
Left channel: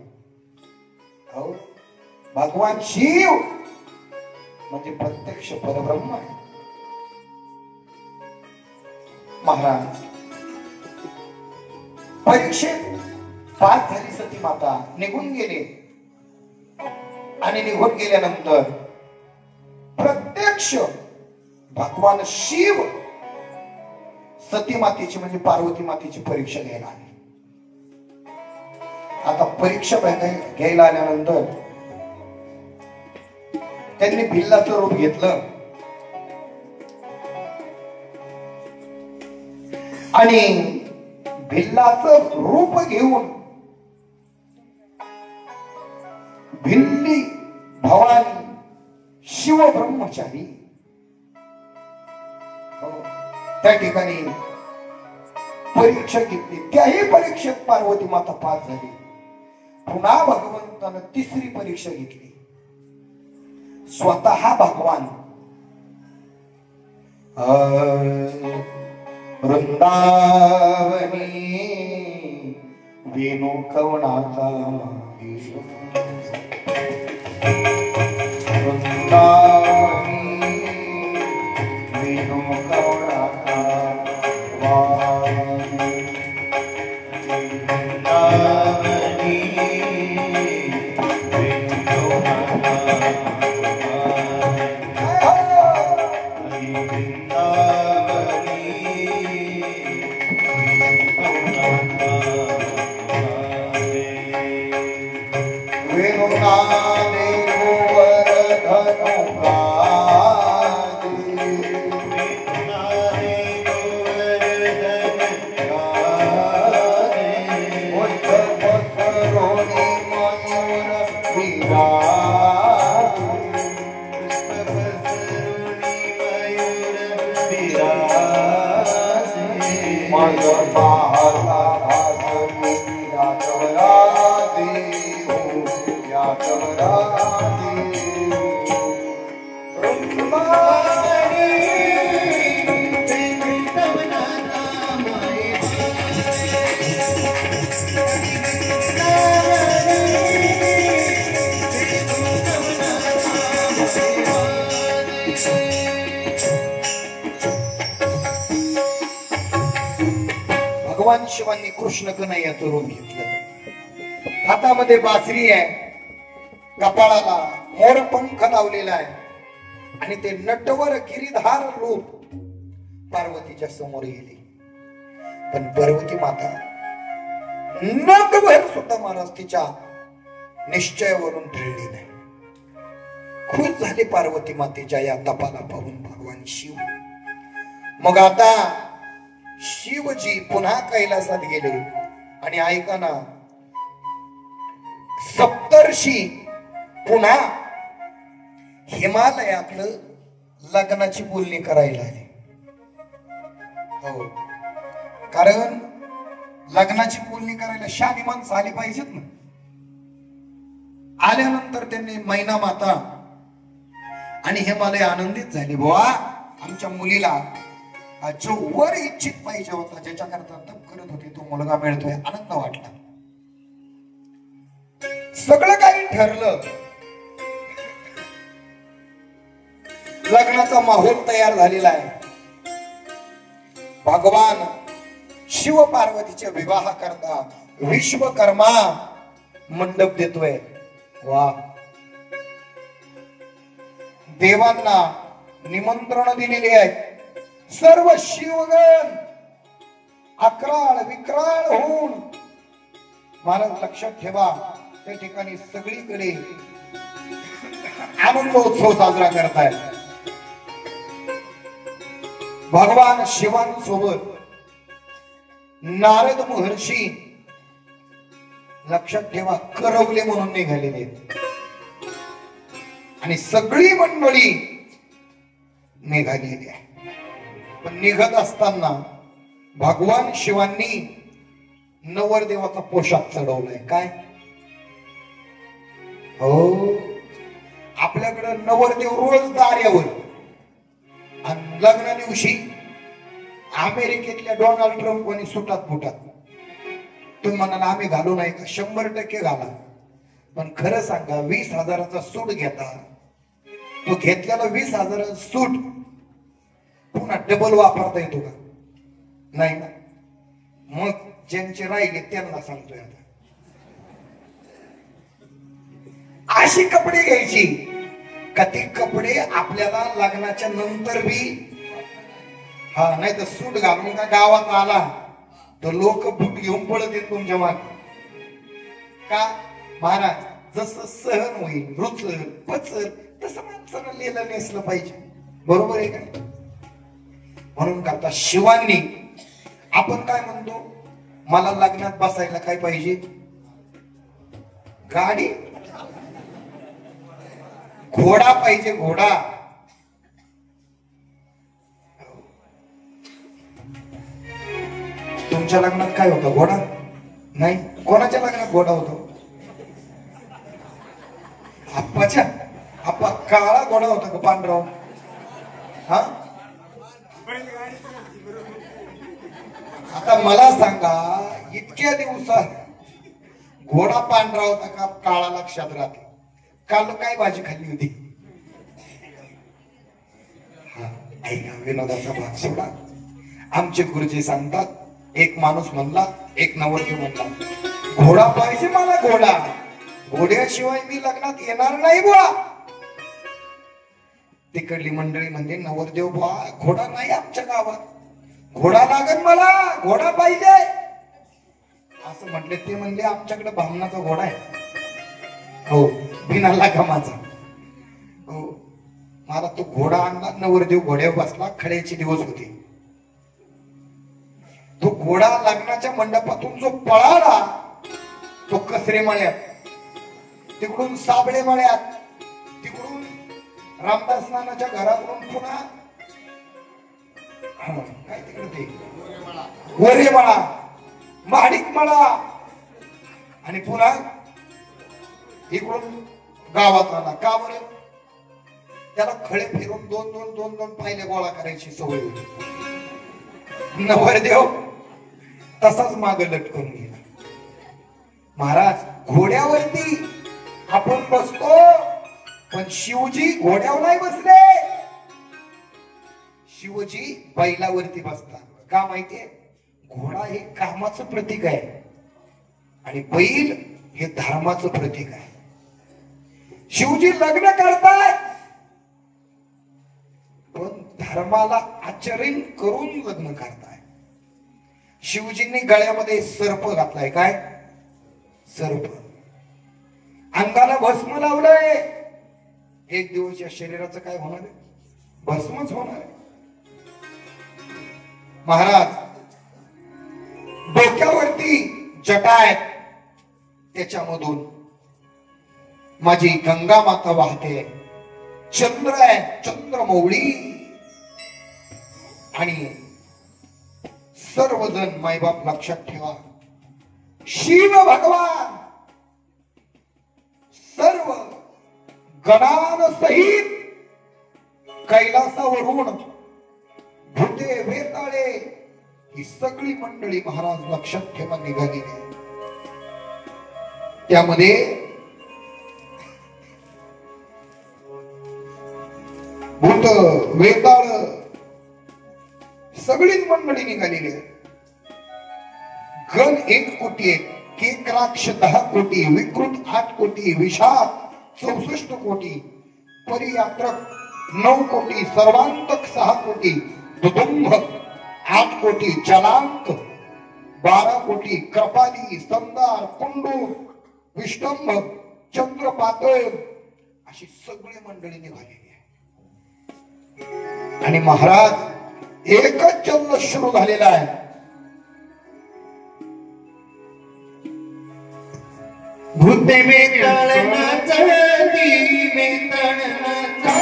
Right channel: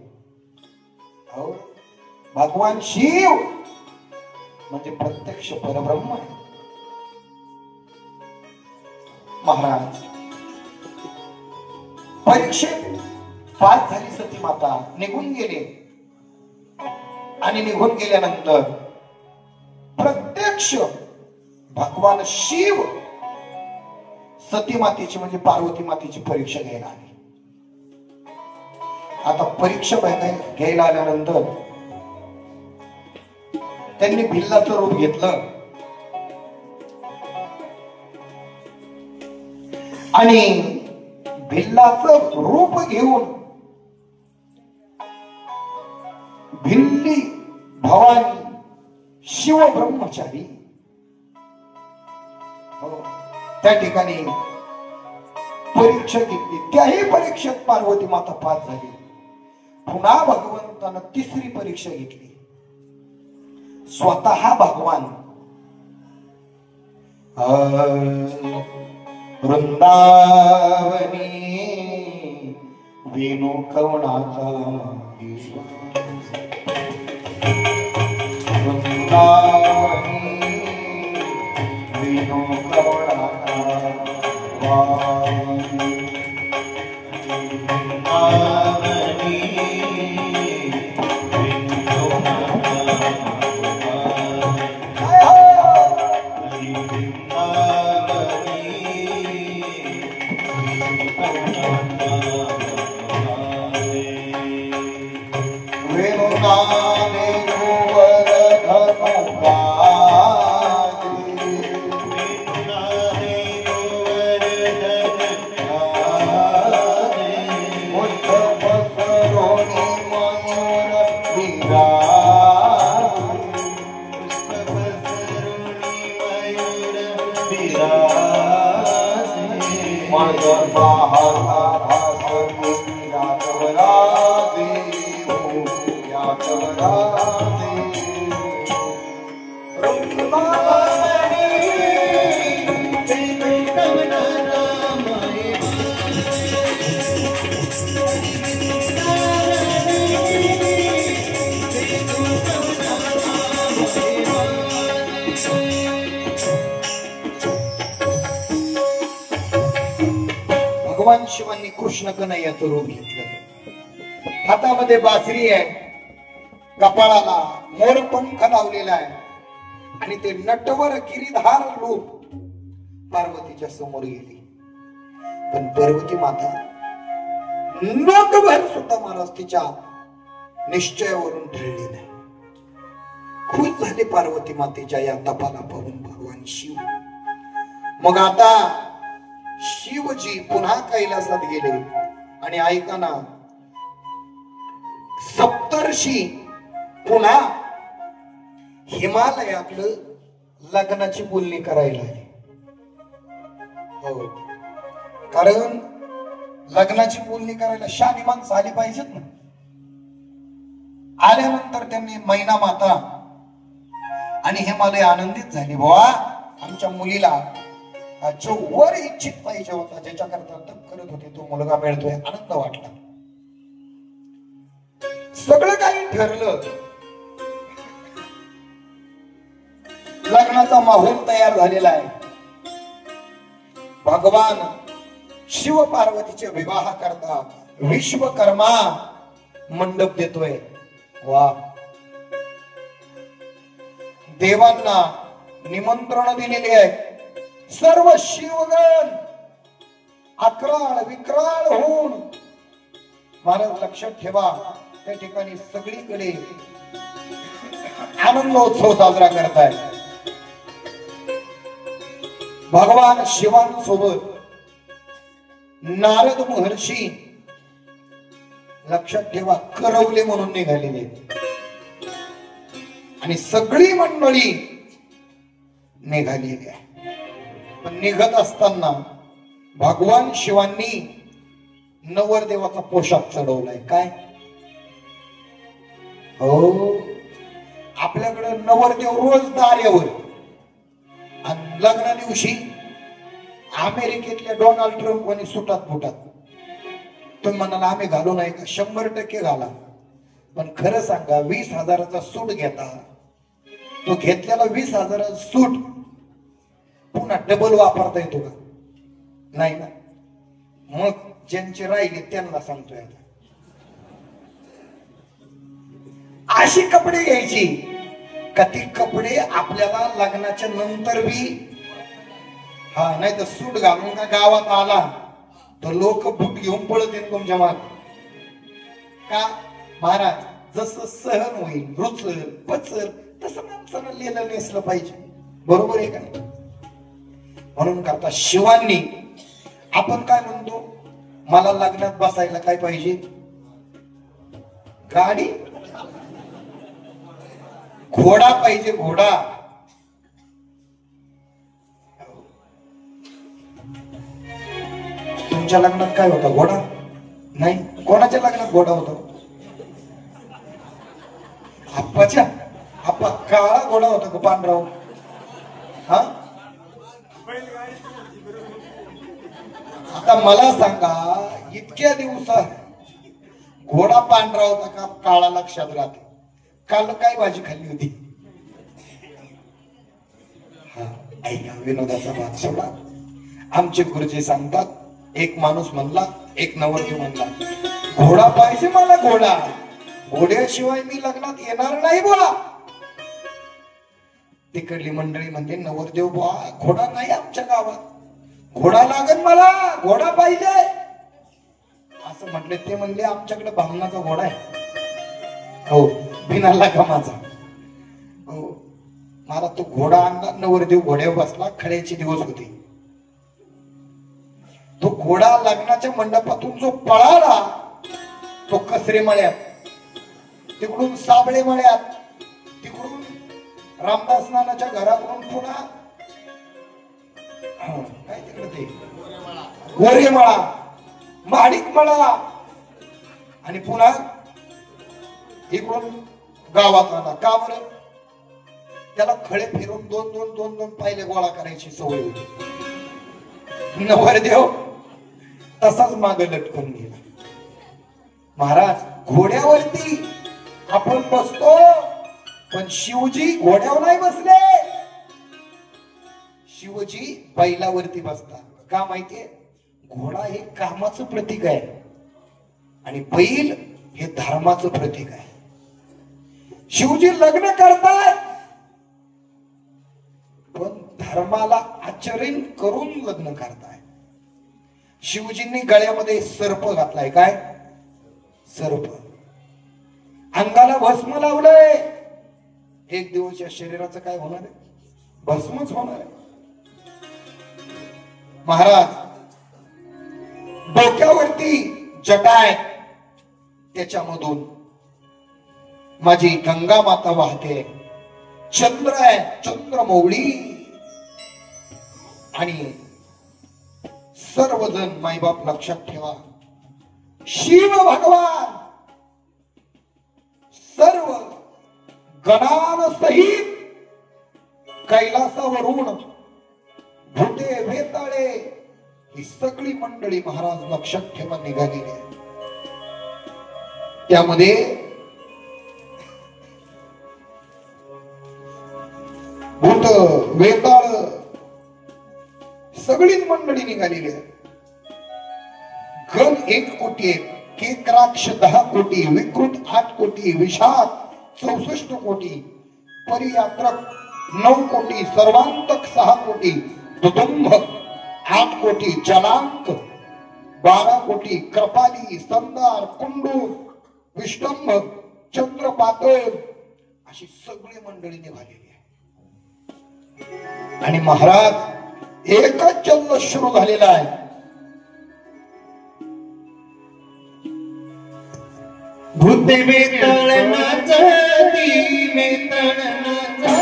हो, भगवान शिव म्हणजे प्रत्यक्ष परब्रह्म. महाराज परीक्षेत पास झाली सती माता, निघून गेले. आणि निघून गेल्यानंतर प्रत्यक्ष भगवान शिव सती मातेची म्हणजे पार्वती मातेची परीक्षा घ्यायला आले. आता परीक्षा घ्यायला आल्यानंतर त्यांनी भिल्लाचं रूप घेतलं आणि भिल्लाचं रूप घेऊन भिल्ली भवानी शिव ब्रह्मचारी त्या ठिकाणी परीक्षा घेतली. त्याही परीक्षेत पार्वती माता पास झाली. पुन्हा भगवंतानं तिसरी परीक्षा घेतली. स्वतः भगवान वृंदावनी वेणू कवनाचा वृंदावनी वेणू कवनाचा भगवान शिवांनी कृष्ण कन्हैयाचं रूप घेतलं. हातामध्ये बासरी आहे, कपाळाला मोरपंख लावलेला आहे आणि ते नटवर गिरीधार रूप पार्वतीच्या समोर गेली. पण पार्वती माता नकभर सुद्धा महाराज तिच्या निश्चयावरून ढळली नाही. खुश झाली पार्वती मातेच्या या तपाला पाहून भगवान शिव. मग आता शिवजी पुन्हा कैलासात गेले आणि ऐका ना, सप्तर्षी पुन्हा हिमालयातलं लग्नाची बोलणी करायला आली. हो, कारण लग्नाची बोलणी करायला शादी माणसं आली पाहिजेत ना. आल्यानंतर त्यांनी मैना माता आणि हिमालय आनंदित झाली. बुवा आमच्या मुलीला जो वर इच्छित पाहिजे होता, ज्याच्याकरता तप करत होते, तो मुलगा मिळतोय. आनंद वाटला. सगळं काही ठरलं. लग्नाचा माहोल तयार झालेला आहे. भगवान शिव पार्वतीचे विवाह करता विश्वकर्मा मंडप देतोय. वा, देवांना निमंत्रण दिलेले आहे. सर्व शिवगण अक्राळ विक्राळ होऊन, महाराज लक्षात ठेवा, त्या ठिकाणी सगळीकडे आनंदोत्सव साजरा करताय. भगवान शिवांसोबत नारद महर्षी लक्षात ठेवा करवले म्हणून निघालेले आणि सगळी मंडळी निघालेली आहे. पण निघत असताना भगवान शिवांनी नवरदेवाचा पोशाख चढवलाय. काय हो, आपल्याकडे नवरदेव रोज दार्यावर, आणि लग्ना दिवशी अमेरिकेतल्या डोनाल्ड ट्रम्प कोणी सुटात फुटात. तुम्ही म्हणाला आम्ही घालू नाही का? 100% घाला. पण खरं सांगा, 20,000चा सूट घेता, तो घेतलेला 20,000 सूट पुन्हा डबल वापरता येतो का? नाही ना. मग ज्यांचे राहिले त्यांना सांगतोय आता, अशी कपडे घ्यायची का ती कपडे आपल्याला लग्नाच्या नंतर बी, हा, नाही तर सूट घालून का गावात आला तर लोक बूट घेऊन पळत येत तुमच्या माग. का? महाराज, जसं सहन होईल, रुचल पचल तसं माणसाला लिहिलं नेसलं पाहिजे. बरोबर आहे का? म्हणून करता शिवांनी, आपण काय म्हणतो, मला लग्नात बसायला काय पाहिजे? गाडी, घोडा पाहिजे, घोडा. तुमच्या लग्नात काय होतं? घोडा नाही. कोणाच्या लग्नात घोडा होतो? आप्पाच्या. आप्पा काळा घोडा होता का पांढरा? हा, आता मला सांगा, इतक्या दिवसात घोडा पांढरा होता का काळा? लक्षात राहते. काल काय भाजी खाल्ली होती? ऐका, विनोदाचा भाग सोडा. आमचे गुरुजी सांगतात, एक माणूस म्हणला, एक नवरदेव म्हणला, घोडा पाहिजे मला, घोडा. घोड्याशिवाय मी लग्नात येणार नाही बुवा. तिकडली मंडळी म्हणजे, नवरदेव बुवा, घोडा नाही आमच्या गावात, घोडा लागेल मला, घोडा पाहिजे असं म्हटले. ते म्हणले, आमच्याकडे बामणाचा घोडा आहे. हो, बिना लगामाचा. हो, मला तो घोडा आणला, नवरदेव घोड्यावर बसला. खड्याचे दिवस होते. तो घोडा लग्नाच्या मंडपातून जो पळाला, तो कसरे मळ्यात, तिकडून साबळे मळ्यात, तिकडून रामदास नानाच्या घराकडून पुन्हा काय तिकडे ते वरे मळा, माडिक मळा, आणि पुन्हा इकडून गावात आला. का बरं? त्याला खडे फिरून दोन दोन दोन दोन पाहिले गोळा करायची सवय होती. नवरदेव तसाच मागे लटकून गेला. महाराज, घोड्यावरती आपण बसतो, पण शिवजी घोड्यावर नाही बसले. शिवजी बैलावरती बसतात. का माहितीये? घोडा हे कामाचं प्रतीक आहे आणि बैल हे धर्माचं प्रतीक आहे. शिवजी लग्न करताय, पण धर्माला आचरण करून लग्न करताय. शिवजींनी गळ्यामध्ये सर्प घातलाय. काय? सर्प. अंगाला भस्म लावलंय. एक दिवस या शरीराचं काय होणार आहे? भस्मच होणार आहे. महाराज, डोक्यावरती जटा आहे, त्याच्यामधून माझी गंगा माता वाहते. चंद्र आहे, चंद्रमौळी, आणि सर्वजण मायबाप लक्षात ठेवा, शिव भगवान सर्व गणांसहित कैलासावरून भूते वेताळे ही सगळी मंडळी महाराज लक्षात ठेवा निघाली आहे. त्यामध्ये भूत वेताळ सगळी मंडळी निघालेली आहे. गण 1 कोटी आहे, केकराक्ष 10 कोटी, विकृत 8 कोटी, विषाद 64 कोटी, परियात्रक 9 कोटी, सर्वांतक 6 कोटी, दुदुंभ 8 कोटी, चलांक 12 कोटी, कृपाली, संदार, कुंडू, विष्टंभ, चंद्रपातळ अशी सगळी मंडळी निघालेली आहे. आणि महाराज एकच जल्लोष सुरू झालेला आहे. भूते बेताळनाचा दी बेताळनाचा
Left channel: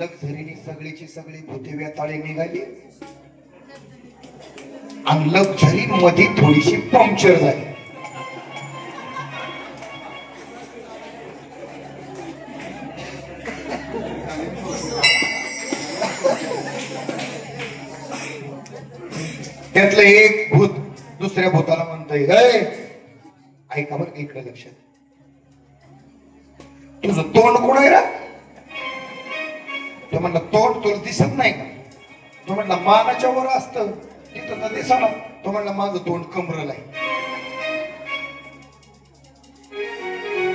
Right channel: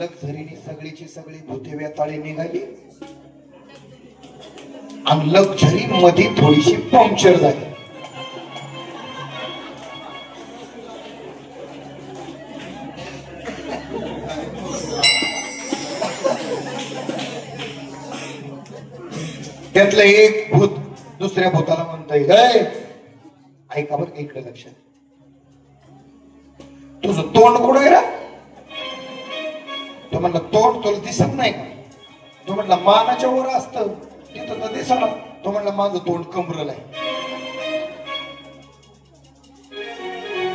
लक्झरीने सगळीची सगळी भूते बेताळे निघाली आणि लक्झरी मध्ये थोडीशी पंक्चर झाली. त्यातलं एक भूत दुसऱ्या भूताला म्हणतोय, ऐका बरं इकडे लक्षात, तुझं तोंड कोण आहे रा? तो म्हणला तोंड तुला दिसत नाही का? तो म्हणला मानाच्या वर असत तिथं तर दिसणार. तो म्हणला माझं तोंड कमरल आहे.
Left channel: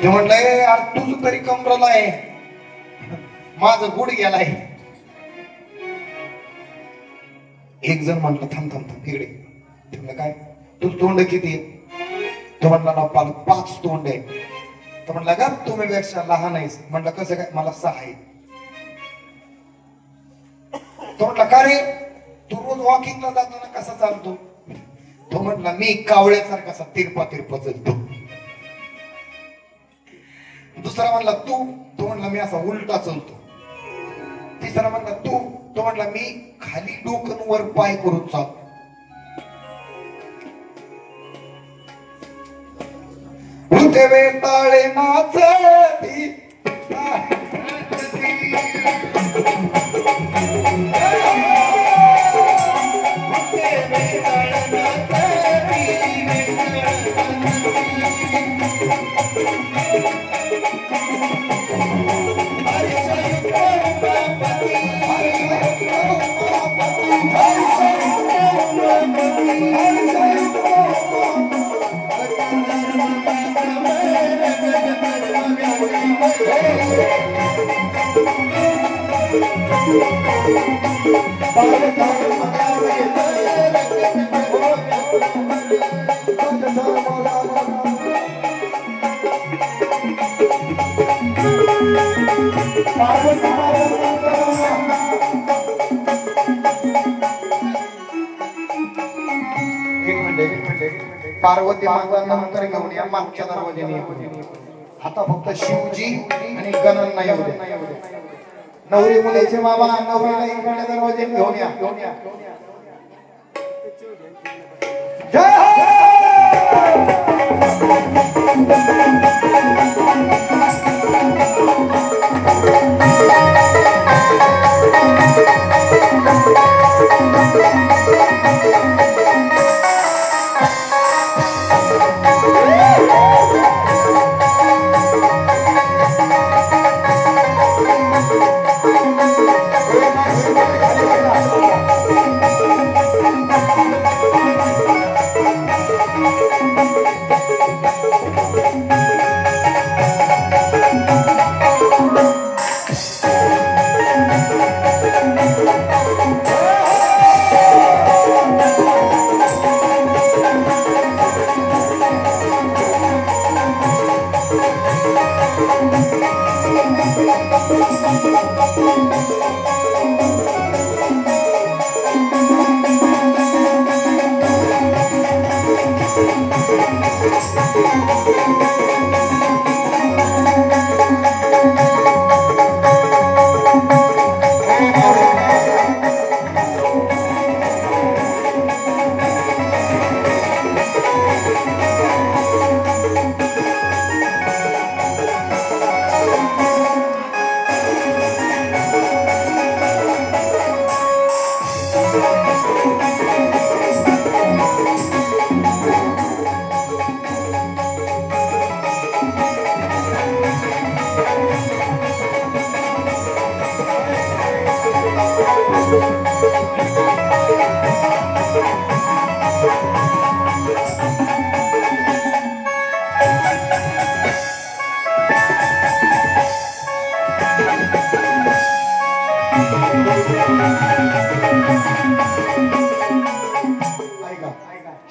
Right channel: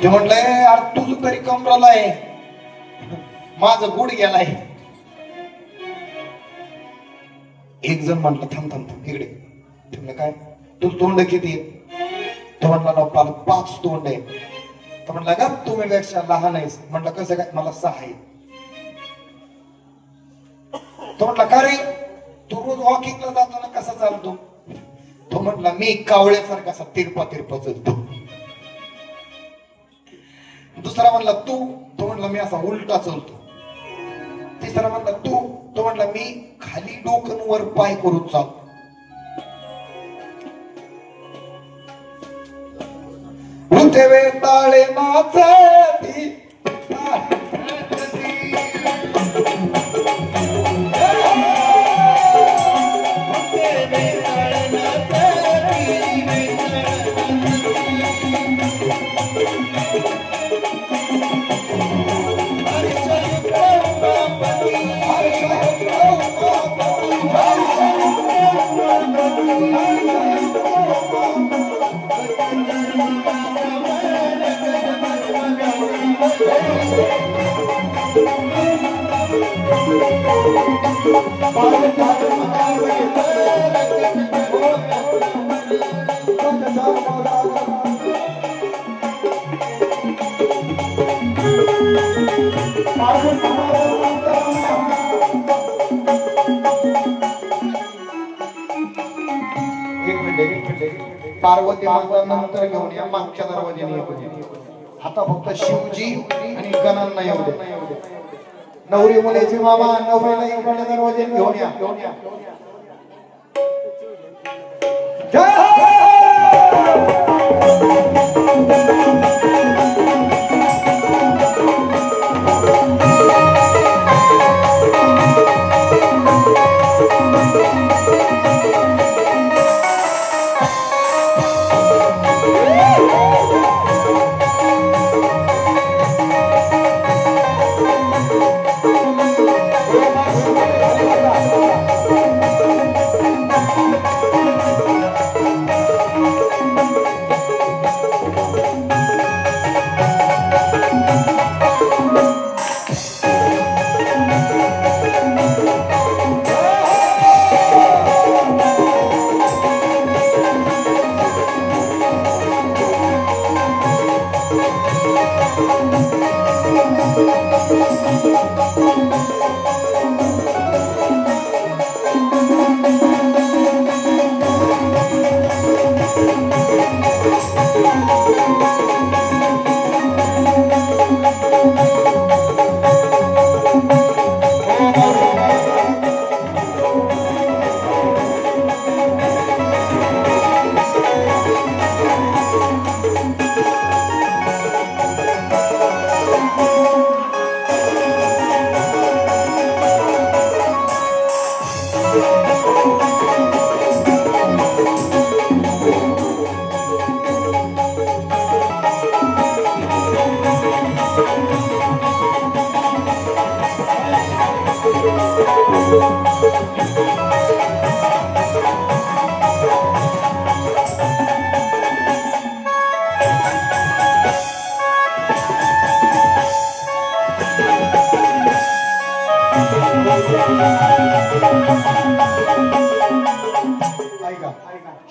ते म्हणलंय यार तुझं तरी कमरल आहे, माझं गुडघ्याला आहे. एक जण म्हटलं थांब थांब थांब इकडे. म्हणलं काय तुझं तोंड किती आहे? तो म्हणला ना 5 तोंड आहे. तो म्हणला का तुम्ही पेक्षा लहान आहेस? म्हणलं कसं काय? मला 6 आहे. तो म्हटला का रे तू रोज वॉकिंगला जातो ना, कसा चालतो? तो म्हटला मी कावळ्यासारखा कसा तिरपा चालतो. दुसरा म्हणला तू? तो म्हणला मी असा उलटा चालतो. तिसरा म्हणला तू? तो म्हणला मी खाली डोकं वर पाय करून चालतो. भूते बेताळे नाचती पार्वती माता नंतर घेऊन या मागच्या दरवाजाने. आता फक्त शिवजी आणि गणांना येऊ दे. नवरी मुलीचे मामा नवरीला इकडच्या दरवाजाने घेऊन या.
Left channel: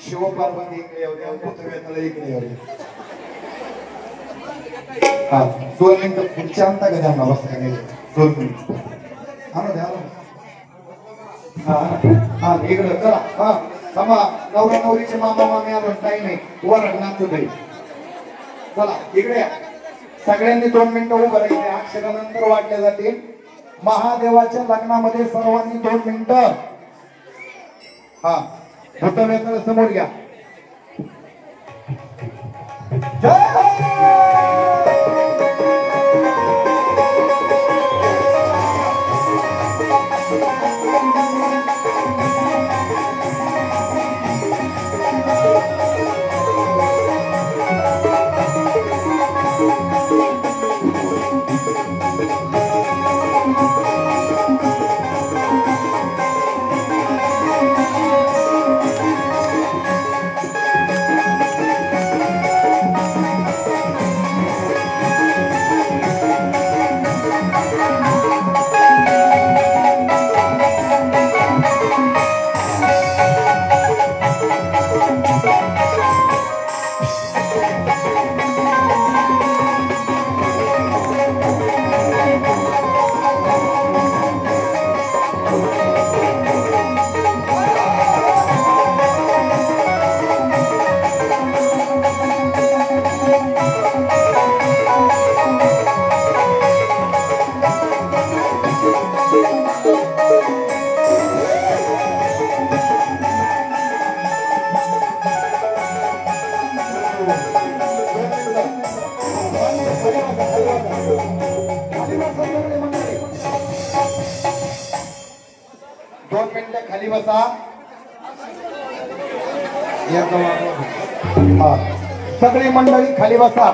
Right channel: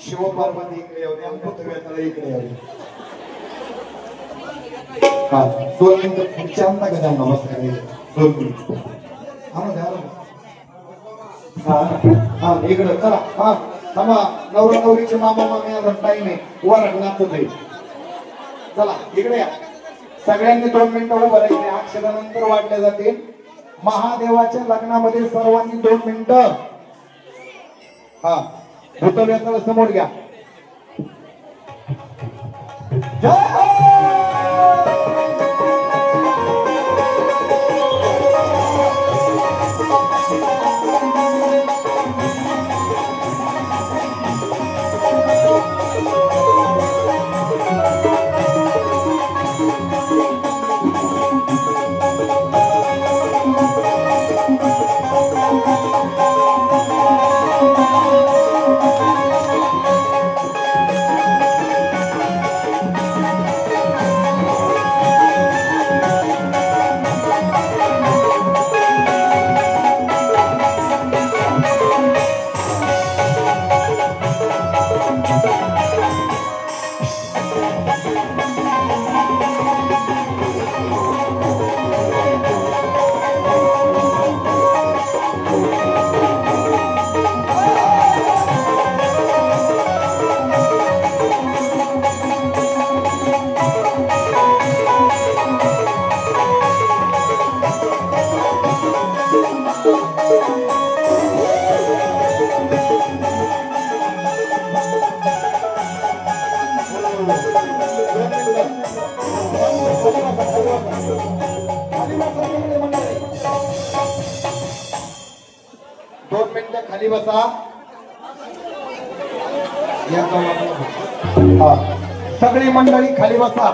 शिवपार्वती इकडे येऊ द्या, पृथ्वीतला इकडे येऊ द्या. हा 2 मिनिटं पुढच्यांदा गदा नमस्कार केले 2 मिनिटं. हा द्या हा इकडे चला. हा समा नवरा नवरीचे मामा मामी आला टाइम आहे वर रंगनाथ भाई. चला इकडे या. सगळ्यांनी 2 मिनिटं उभं राहिले. अक्षरानंतर वाढल्या जातील. महादेवाच्या लग्नामध्ये सर्वांनी 2 मिनिटं. हा भूतव्याकडे समोर घ्या. खाली बसा. सगळी मंडळी खाली बसा.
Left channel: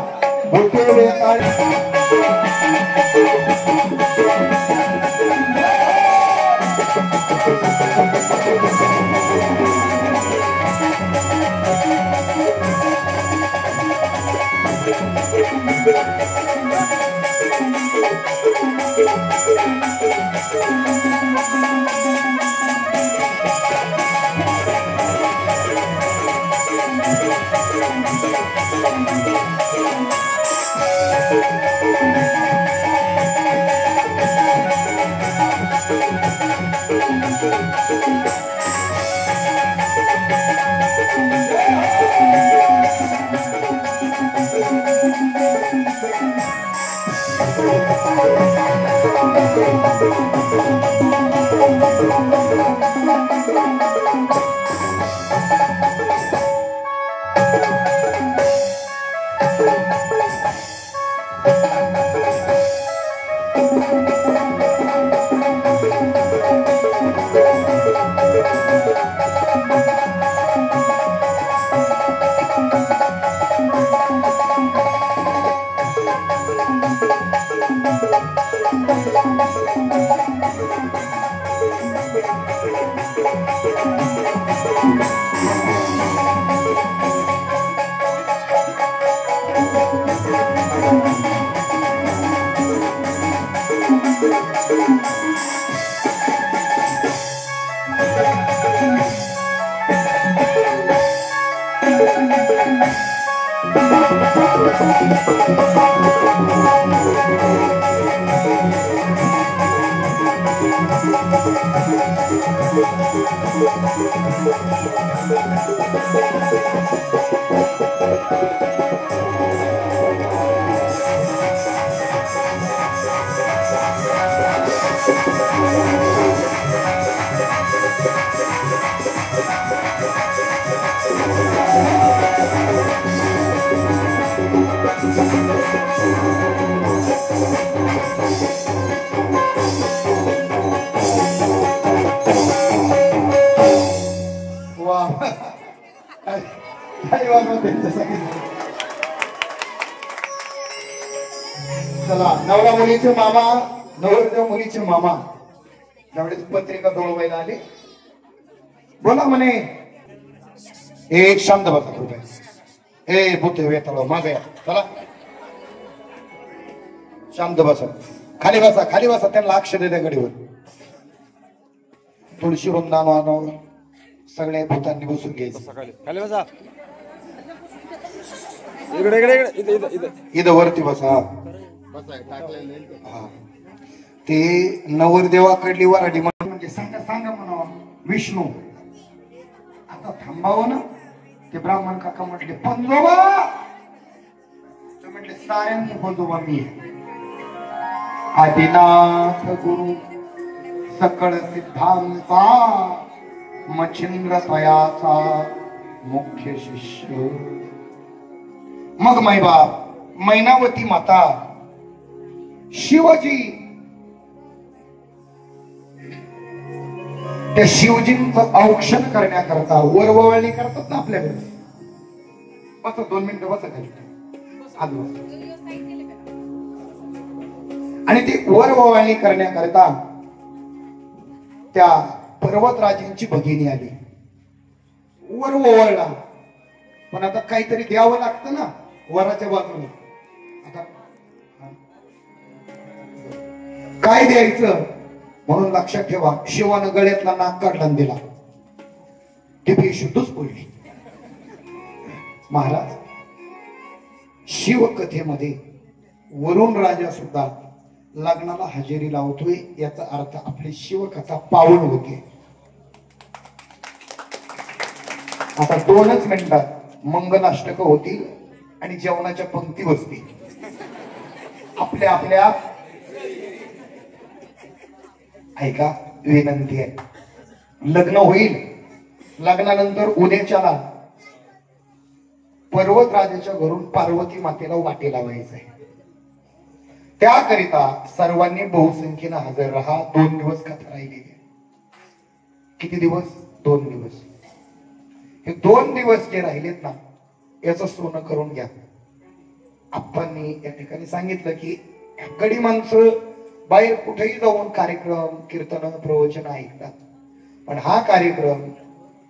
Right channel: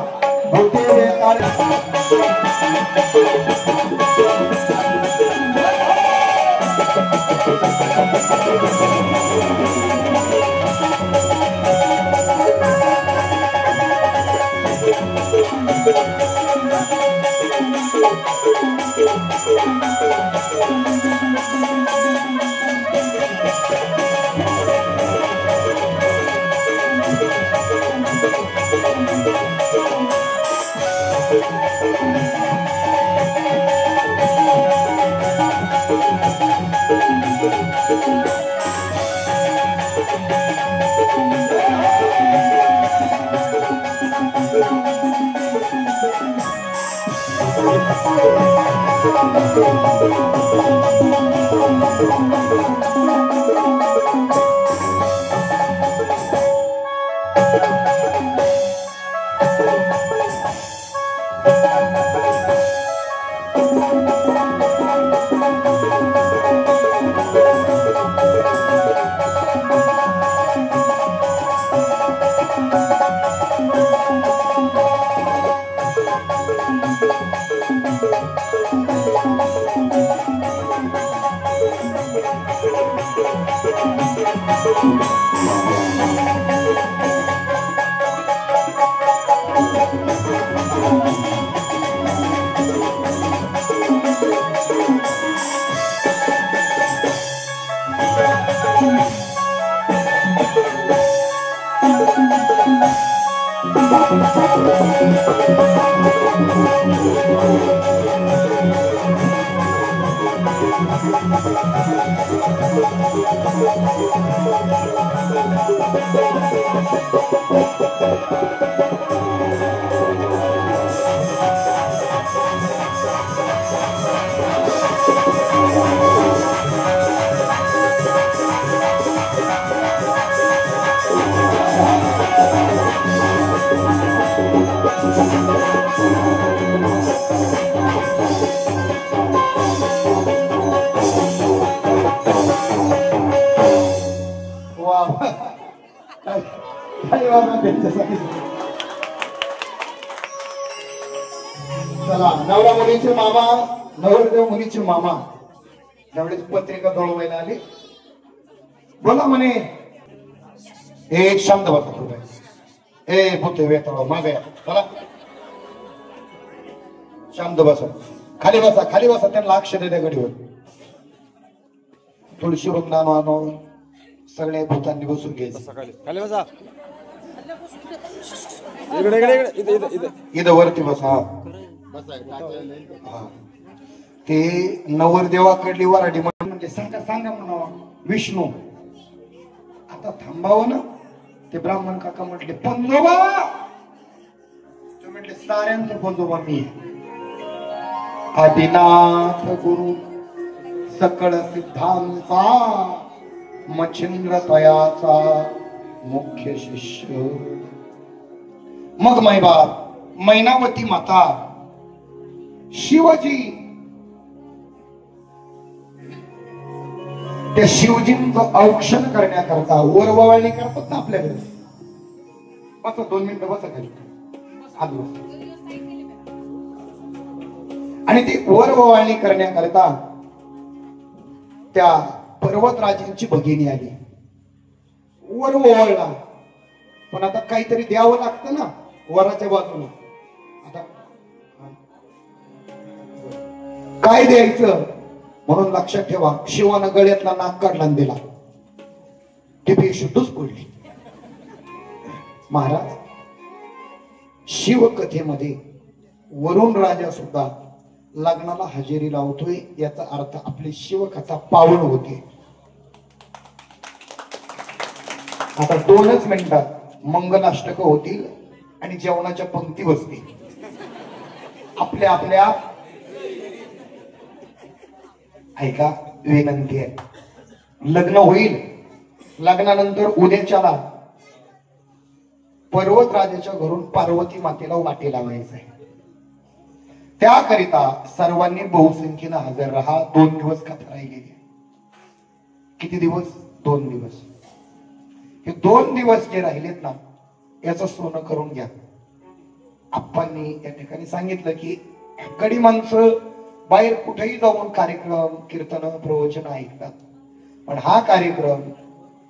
चला, नवरा मुलीचे मामा, नवरदेव मुलीचे मामा त्यावेळेस पत्रिका दळवायला आली. बोला म्हणे, एक शांत बसा. ए भूते वेताळ माझा या, चला शांत बसा. खाली बसा, खाली बसा. त्यांना अक्षर द्या गडीवर. तुळशी वंदना मानव सगळ्या भूतांनी बसून घ्यायचं. खाली बसा. इकडे इकडे इकडे इथं इथं इथं वरती बसा. हा, ते नवरदेवाकडली वराडी म्हणजे सांगा सांगा म्हणावा विष्णू. आता थांबावं ना. ते ब्राह्मण काका म्हटले पंजोबा. ते म्हटले साऱ्यांचं पंजोबा मी आहे. आदिनाथ गुरु सकळ सिद्धांचा मच्छिंद्र तयाचा मुख्य शिष्य. मग मैबाप मैनावती माता शिवजी. त्या शिवजींचं औक्षण करण्याकरता वरवळणी करतात ना आपल्याकडे. बस 2 मिनिटं बसा खाली. आणि ती वरवळणी करण्याकरता त्या पर्वतराजांची भगिनी आली. वरवळला, पण आता काहीतरी द्यावं लागतं ना वराच्या बाजूला. आता काय द्यायचं म्हणून लक्षात ठेवा. शिवानं गळ्यातला नाक काढला दिला. ती बेशुद्धच पडली. महाराज, शिवकथेमध्ये वरुण राजा सुद्धा लग्नाला हजेरी लावतोय. याचा अर्थ आपली शिवकथा पावन होते. आता 2च मिनिटात मंगलाष्टक होतील आणि जेवणाच्या पंक्ती बसतील. आपल्या आपल्या ऐका, विनंती आहे. लग्न होईल. लग्नानंतर उद्याच्याला पर्वतराजाच्या घरून पार्वती मातेला वाटे लावायचं आहे. त्याकरिता सर्वांनी बहुसंख्येनं हजर राहा. 2 दिवस कथा राहिलेली. किती दिवस? 2 दिवस. हे 2 दिवस जे राहिलेत ना, याचं सोनं करून घ्या. आप्पांनी या ठिकाणी सांगितलं की गडी माणसं बाहेर कुठेही जाऊन कार्यक्रम कीर्तन प्रवचन ऐकतात, पण हा कार्यक्रम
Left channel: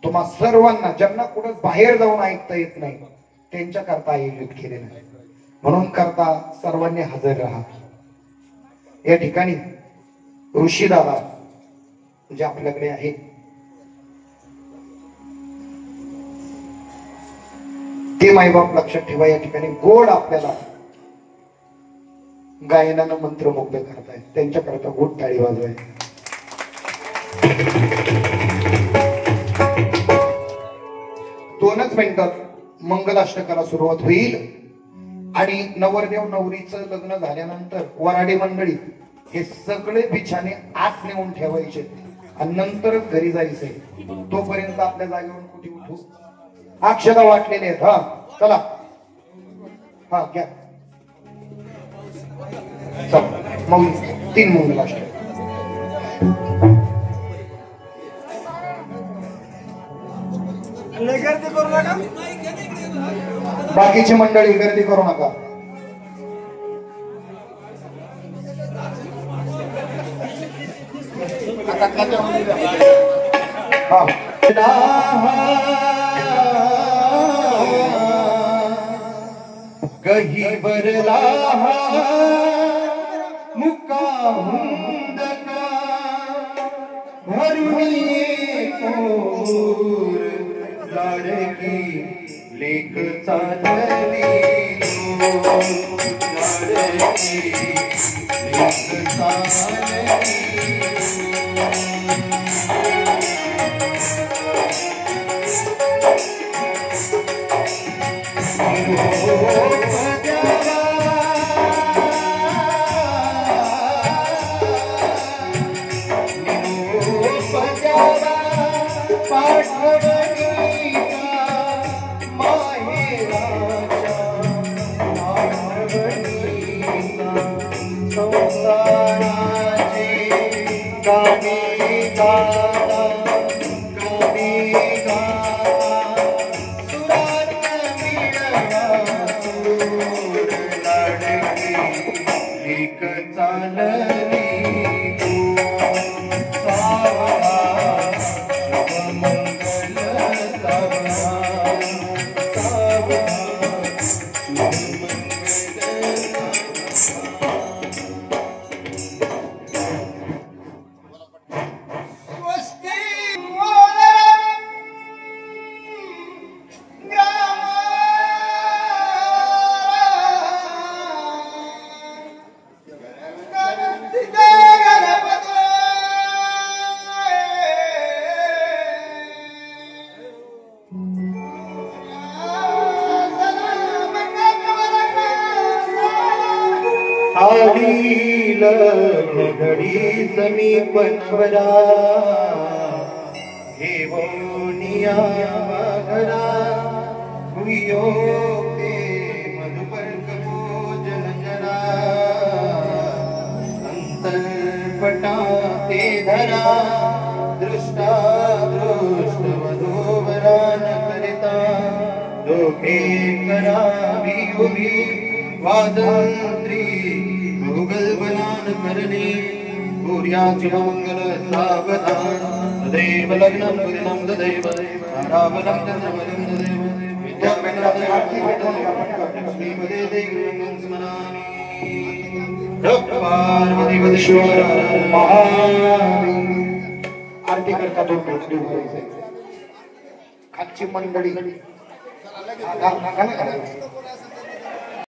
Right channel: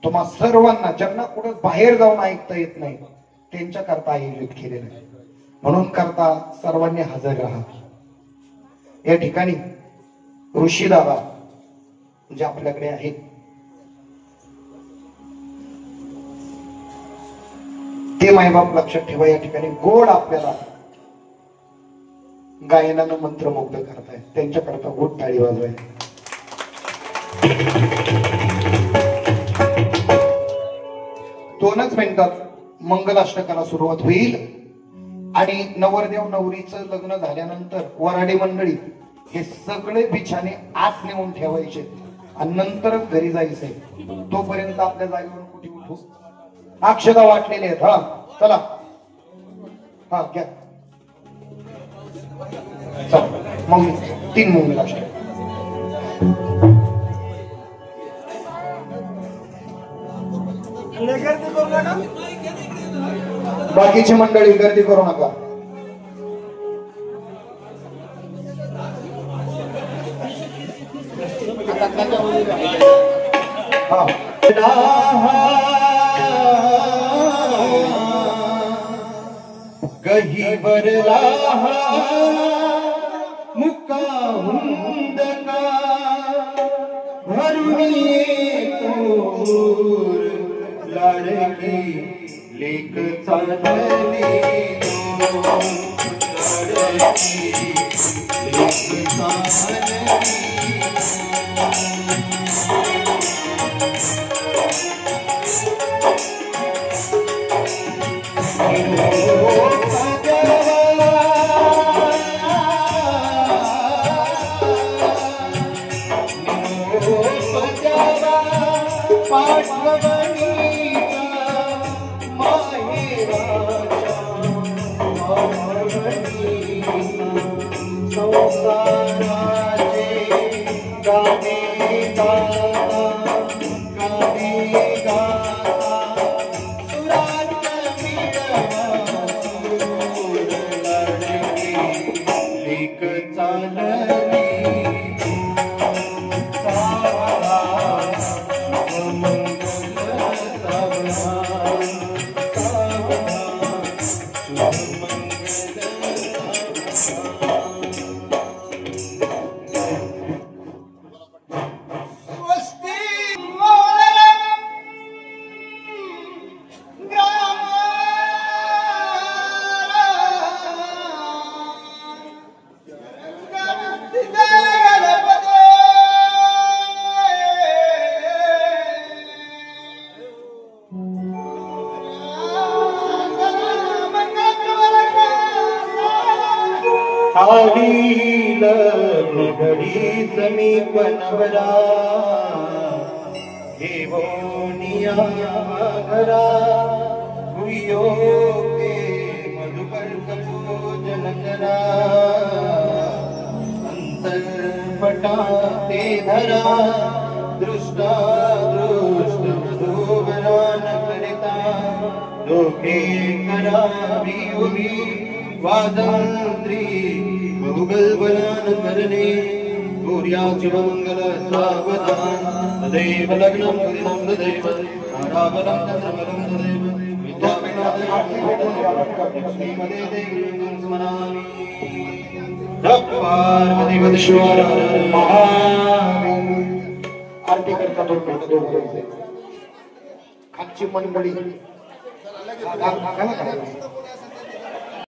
तुम्हा सर्वांना ज्यांना कुठं बाहेर जाऊन ऐकता येत नाही त्यांच्या करता आयोजित केलेला आहे. म्हणून करता सर्वांनी हजर राहा. या ठिकाणी ऋषी दादा जे आपल्याकडे आहेत, ते मायबाप लक्षात ठेवा. या ठिकाणी गोड आपल्याला गायनानं मंत्रमुग्ध करतायत. त्यांच्याकरता गोड टाळी वाजवाय. 2च मिनिटात मंगलाष्टकाला सुरुवात होईल. आणि नवरदेव नवरीचं लग्न झाल्यानंतर वराडी मंडळी हे सगळे बिछाने आत नेऊन ठेवायचे आणि नंतरच घरी जायचंय. तोपर्यंत आपल्या जागेवर कुठे उठू. अक्षता वाटलेले आहेत. हा चला, हा घ्या. मग 3 मंगलाष्टक. गर्दी करू नका. बाकीची मंडळी गर्दी करू नका. गहीवर मुक्का हुंदका भरुणी लाडकी लेक चालली. घडी समीप नवरा घेवोनिया घरा हुयो ते मधुपर्क पूजन करा अंतर्पटा ते धरा दृष्टा दृष्ट मधुवरा न करिता दोघे करावी उभी वादंत्री गुगल बनान करणे सूर्याच मंगल सावधान तदेव लग्नं कुदिनं तदेव ताराबलं चंद्रबलं तदेव विद्यापीठाश्रीमते देवी स्मरामि पार्वतीवदेश्वर महादेव आरती करता खालची मंडळी